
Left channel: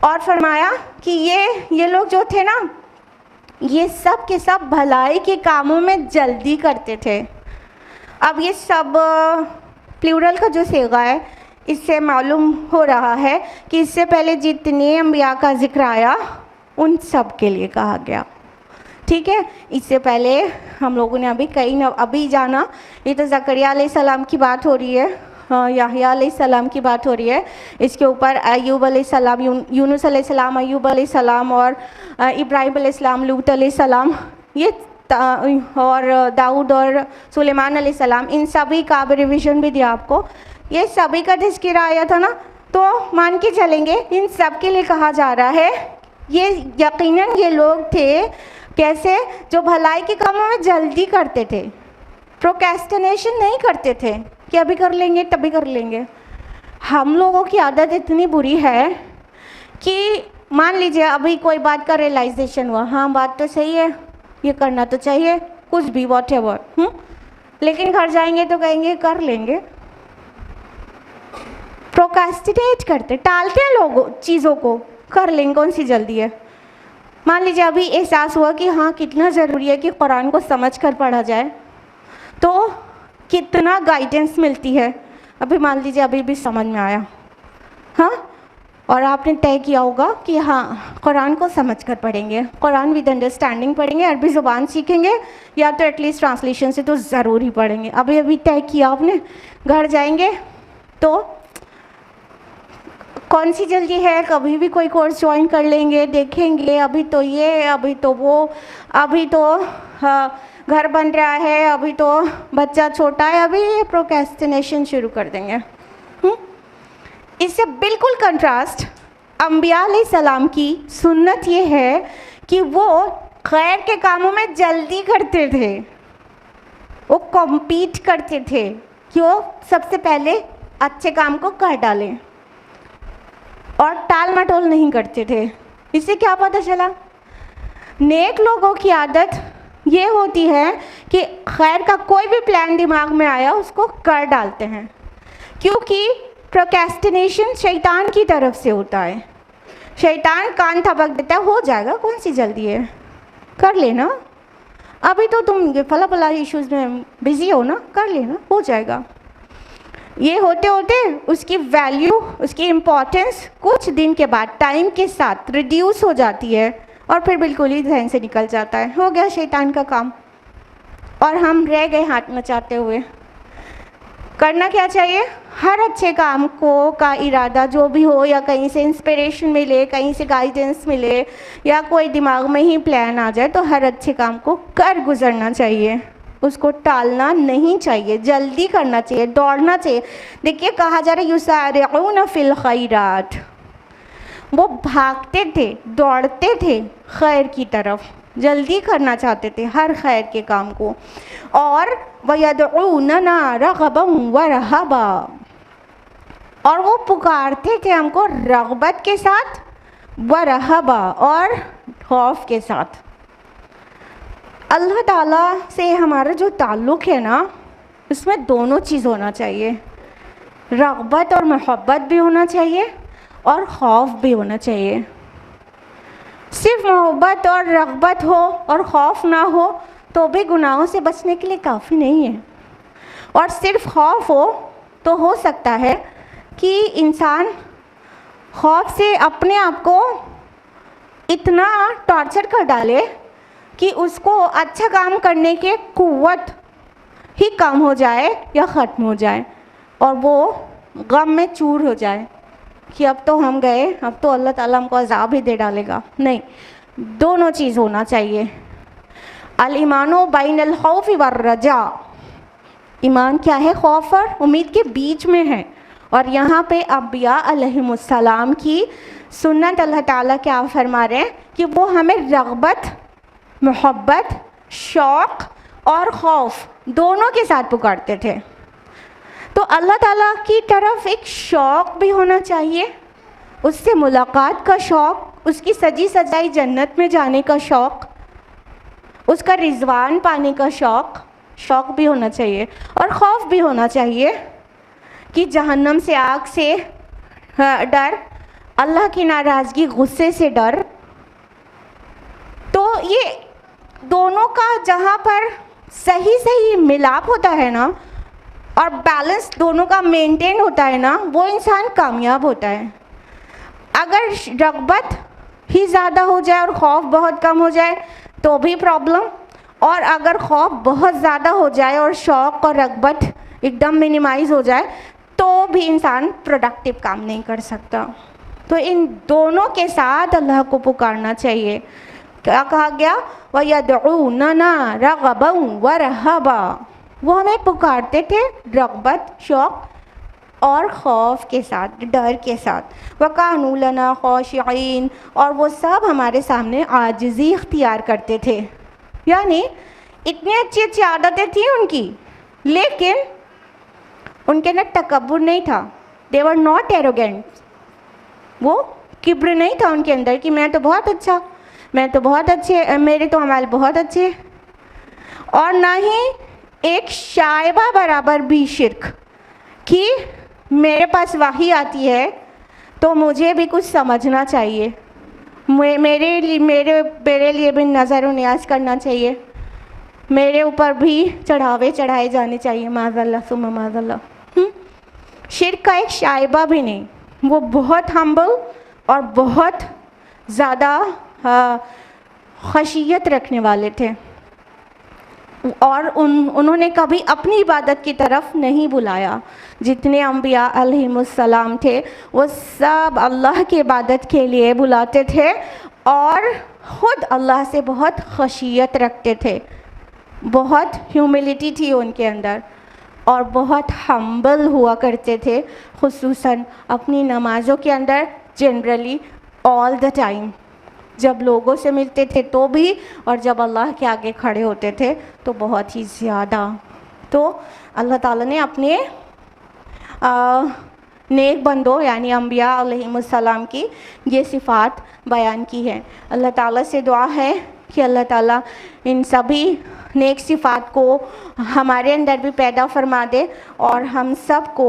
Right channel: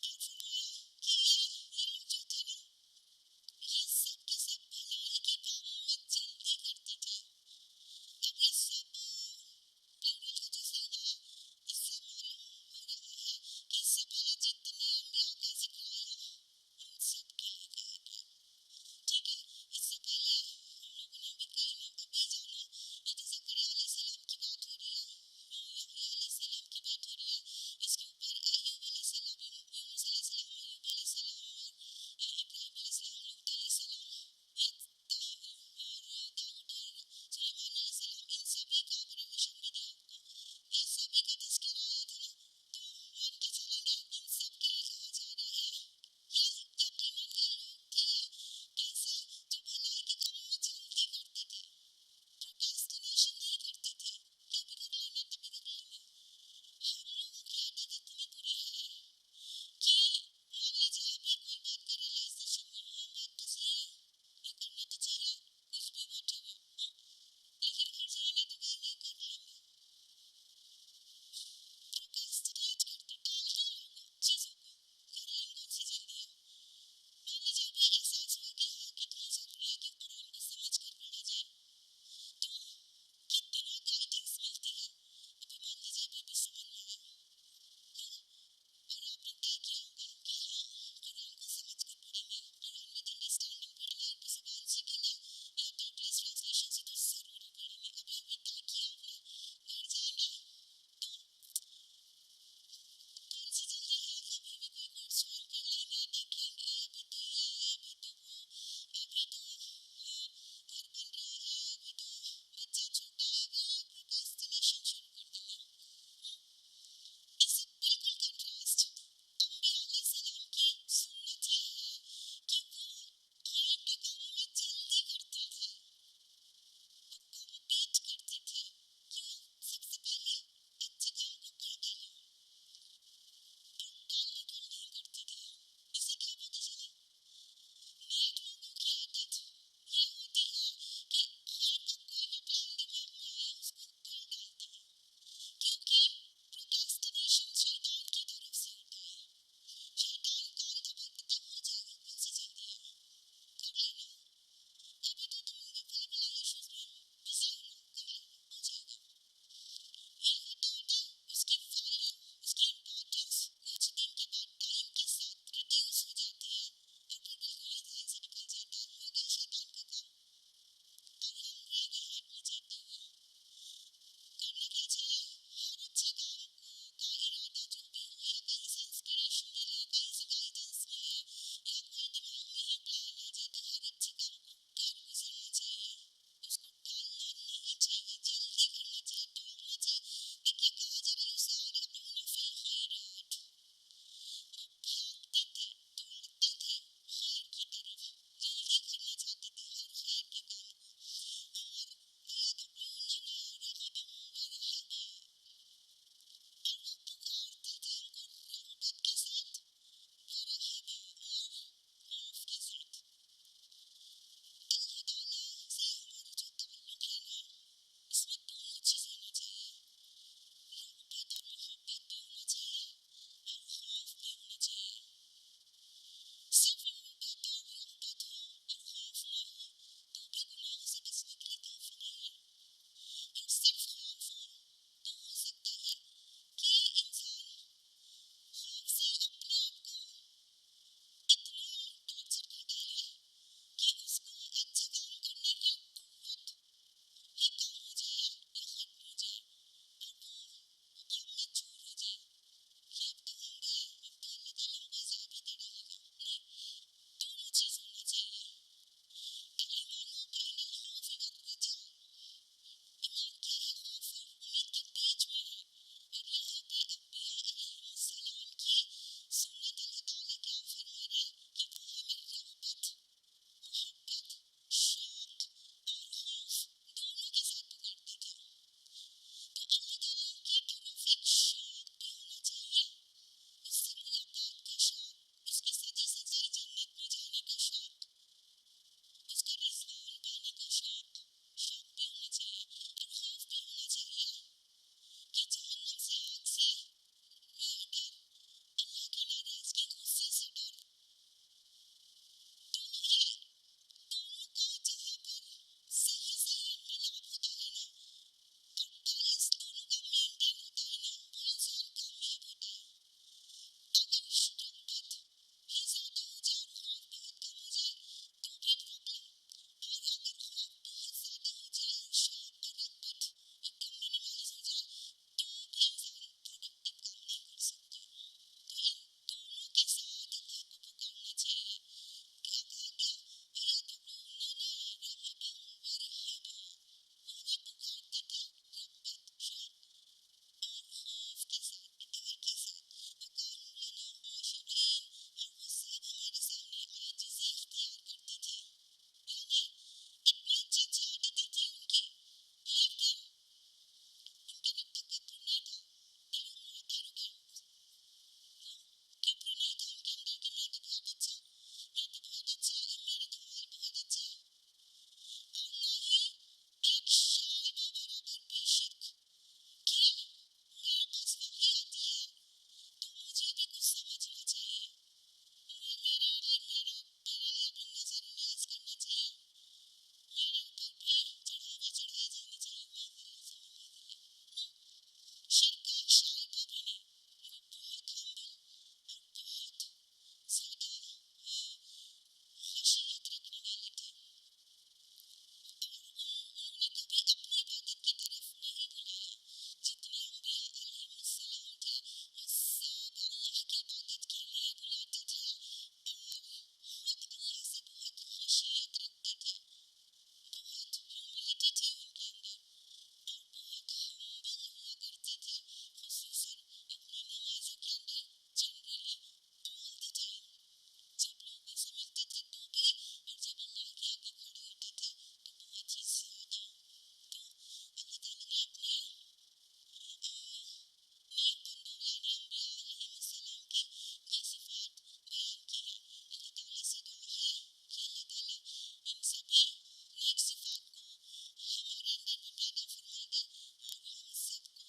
और फरमाया कि ये लोग जो थे ना, ये सब के सब भलाई के कामों में जल्दी करते थे। अब ये सब प्लूरल का जो सेगा है, इससे मालूम हो रहा है कि इससे पहले जितने अंबिया का जिक्र आया उन सब के लिए कहा गया। ठीक है, इससे पहले हम लोगों ने अभी जाना, ये तो ज़करिया अलैहिस्सलाम की बात हो रही है याह्या अलैहिस्सलाम की बात हो रही है, इसके ऊपर अय्यूब अलैहिस्सलाम, यूनुस अलैहिस्सलाम, अय्यूब अलैहिस्सलाम और इब्राहिम अलैहिस्सलाम, लूत अलैहिस्सलाम, ये और दाऊद और सुलेमान अलैहिस्सलाम, इन सभी का रिविज़न भी दिया आपको। ये सभी का तज़किरा आया था ना, तो मान के चलेंगे इन सब के लिए कहा जा रहा है ये यकीनन ये लोग थे कैसे, जो भलाई के कामों में जल्दी करते थे, प्रोक्रेस्टिनेशन नहीं करते थे कि अभी कर लेंगे तभी कर लेंगे। हम लोगों की आदत इतनी बुरी है कि मान लीजिए अभी कोई बात का रियलाइजेशन हुआ, हाँ बात तो सही है, ये करना तो चाहिए, कुछ भी वॉटएवर, लेकिन घर जाएंगे तो कहेंगे कर लेंगे। प्रोक्रेस्टिनेट करते, टालते हैं लोग चीज़ों को, कर लेंगे, कौन सी जल्दी है। मान लीजिए अभी एहसास हुआ कि हाँ कितना ज़रूरी है कि कुरान को समझ कर पढ़ा जाए, तो कितना गाइडेंस मिलती है। अभी मान लीजिए अभी भी समझ में आया, हाँ, और आपने तय किया होगा कि हाँ कुरान को समझ कर पढ़ेंगे, कुरान विद अंडरस्टैंडिंग पढ़ेंगे, अरबी ज़ुबान सीखेंगे, या तो एटलीस्ट ट्रांसलेशन से तो ज़रूर ही पढ़ेंगे। अभी अभी तय किया आपने, घर जाएंगे तो कौन सी जल्दी है, कभी भी कोई कोर्स ज्वाइन कर लेंगे, देखेंगे, अभी तो ये, अभी तो वो, अभी तो घर बन रहा है, अभी तो बच्चा छोटा है, अभी ये प्रोक्रेस्टिनेशन शुरू कर देंगे। इससे बिल्कुल कंट्रास्ट अंबिया अलैहिस्सलाम की सुन्नत ये है कि वो खैर के कामों में जल्दी करते थे, वो कॉम्पीट करते थे कि वो सबसे पहले अच्छे काम को कर डालें और टाल मटोल नहीं करते थे। इससे क्या पता चला, नेक लोगों की आदत ये होती है कि खैर का कोई भी प्लान दिमाग में आया उसको कर डालते हैं, क्योंकि प्रोक्रेस्टिनेशन शैतान की तरफ से होता है। शैतान कान थपक देता है, हो जाएगा, कौन सी जल्दी है, कर लेना, अभी तो तुम फला फला इश्यूज़ में बिज़ी हो ना, कर लेना, हो जाएगा। ये होते होते उसकी वैल्यू, उसकी इम्पोर्टेंस कुछ दिन के बाद टाइम के साथ रिड्यूस हो जाती है और फिर बिल्कुल ही ध्यान से निकल जाता है, हो गया शैतान का काम, और हम रह गए हाथ मचाते हुए। करना क्या चाहिए, हर अच्छे काम को का इरादा जो भी हो, या कहीं से इंस्पिरेशन मिले, कहीं से गाइडेंस मिले, या कोई दिमाग में ही प्लान आ जाए, तो हर अच्छे काम को कर गुजरना चाहिए, उसको टालना नहीं चाहिए, जल्दी करना चाहिए, दौड़ना चाहिए। देखिए कहा जा रहा है युसारिऊना फिल खैरात, वो भागते थे, दौड़ते थे खैर की तरफ, जल्दी करना चाहते थे हर खैर के काम को। और वयदऊनना रगबन व रहबा, और वो पुकारते थे हमको रगबत के साथ, व रहबा, और खौफ के साथ। अल्लाह ताला से हमारा जो ताल्लुक़ है ना, उसमें दोनों चीज़ होना चाहिए, रग़बत और मोहब्बत भी होना चाहिए और खौफ भी होना चाहिए। सिर्फ मोहब्बत और रग़बत हो और खौफ ना हो तो भी गुनाहों से बचने के लिए काफ़ी नहीं है, और सिर्फ खौफ हो हो सकता है कि इंसान खौफ से अपने आप को इतना टॉर्चर कर डाले कि उसको अच्छा काम करने की कुव्वत ही कम हो जाए या ख़त्म हो जाए, और वो गम में चूर हो जाए कि अब तो हम गए, अब तो अल्लाह ताला हमको अज़ाब ही दे डालेगा। नहीं, दोनों चीज़ होना चाहिए। अल ईमानो बैनल खौफ़ वर रजा, ईमान क्या है, खौफ और उम्मीद के बीच में है। और यहाँ पे अंबिया अलैहिमुस्सलाम की सुन्नत अल्लाह ताला क्या फरमा रहे हैं कि वो हमें रग़बत, मोहब्बत, शौक़ और खौफ दोनों के साथ पुकारते थे। तो अल्लाह ताला की तरफ एक शौक़ भी होना चाहिए, उससे मुलाकात का शौक़, उसकी सजी सजाई जन्नत में जाने का शौक़, उसका रिज़वान पाने का शौक़ भी होना चाहिए, और खौफ भी होना चाहिए कि जहन्नम से, आग से डर, अल्लाह की नाराज़गी, गुस्से से डर। तो ये दोनों का जहाँ पर सही मिलाप होता है ना, और बैलेंस दोनों का मेंटेन होता है ना, वो इंसान कामयाब होता है। अगर रग़बत ही ज़्यादा हो जाए और खौफ बहुत कम हो जाए तो भी प्रॉब्लम, और अगर खौफ बहुत ज़्यादा हो जाए और शौक़ और रग़बत एकदम मिनिमाइज़ हो जाए तो भी इंसान प्रोडक्टिव काम नहीं कर सकता। तो इन दोनों के साथ अल्लाह को पुकारना चाहिए। क्या कहा गया? वयदऊनना रगबन व रहबा, वो हमें पुकारते थे रगबत, शौक़ और खौफ के साथ, डर के साथ। वकानू लना खाशिईन, और वो सब हमारे सामने आजिज़ी इख्तियार करते थे। यानी इतनी अच्छी अच्छी आदतें थी उनकी, लेकिन उनके अंदर तकब्बुर नहीं था। दे वर नॉट एरोगेंट, वो किब्र नहीं था उनके अंदर कि मैं तो बहुत अच्छा, मैं तो बहुत अच्छे, मेरे तो अमाल बहुत अच्छे। और ना ही एक शायबा बराबर भी शिर्क कि मेरे पास वही आती है तो मुझे भी कुछ समझना चाहिए, मेरे लिए भी नज़र न्याज करना चाहिए, मेरे ऊपर भी चढ़ावे चढ़ाए जाने चाहिए, माज़ल्ला सुम्मा माज़ल्ला। शिर्क का एक शायबा भी नहीं। वो बहुत हम्बल और बहुत ज़्यादा खशियत रखने वाले थे, और उन्होंने कभी अपनी इबादत की तरफ नहीं बुलाया। जितने अम्बिया अलैहिमुस्सलाम थे वो सब अल्लाह की इबादत के लिए बुलाते थे और ख़ुद अल्लाह से बहुत खशियत रखते थे, बहुत ह्यूमिलिटी थी उनके अंदर, और बहुत हम्बल हुआ करते थे, खुसूसन अपनी नमाज़ों के अंदर, जनरली ऑल द टाइम। जब लोगों से मिलते थे तो भी, और जब अल्लाह के आगे खड़े होते थे तो बहुत ही ज़्यादा। तो अल्लाह ताला ने अपने नेक बंदों यानी अम्बिया अलैहिमुस्सलाम की ये सिफ़ात बयान की है। अल्लाह ताला से दुआ है कि अल्लाह ताला इन सभी नेक सिफ़ात को हमारे अंदर भी पैदा फरमा दे और हम सब को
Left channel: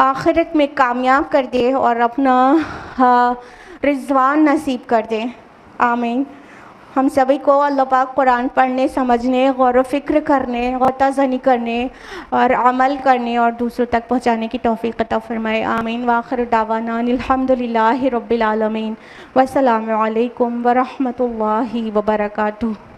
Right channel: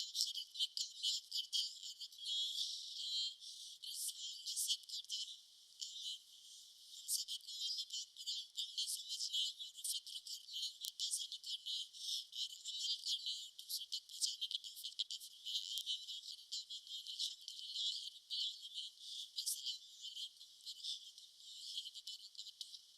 आखिरत में कामयाब कर दे और अपना रिज़वान नसीब कर दे। आमीन। हम सभी को अल्लाह पाक कुरान पढ़ने, समझने, गौर व फ़िक्र करने, गौताज़नी करने और अमल करने और दूसरों तक पहुँचाने की तौफ़ीक़ अता फ़रमाए। आमीन। व आखिर दावाना अल्हम्दुलिल्लाहि रब्बिल आलमीन। वस्सलामु अलैकुम व रहमतुल्लाहि व बरकातुहू।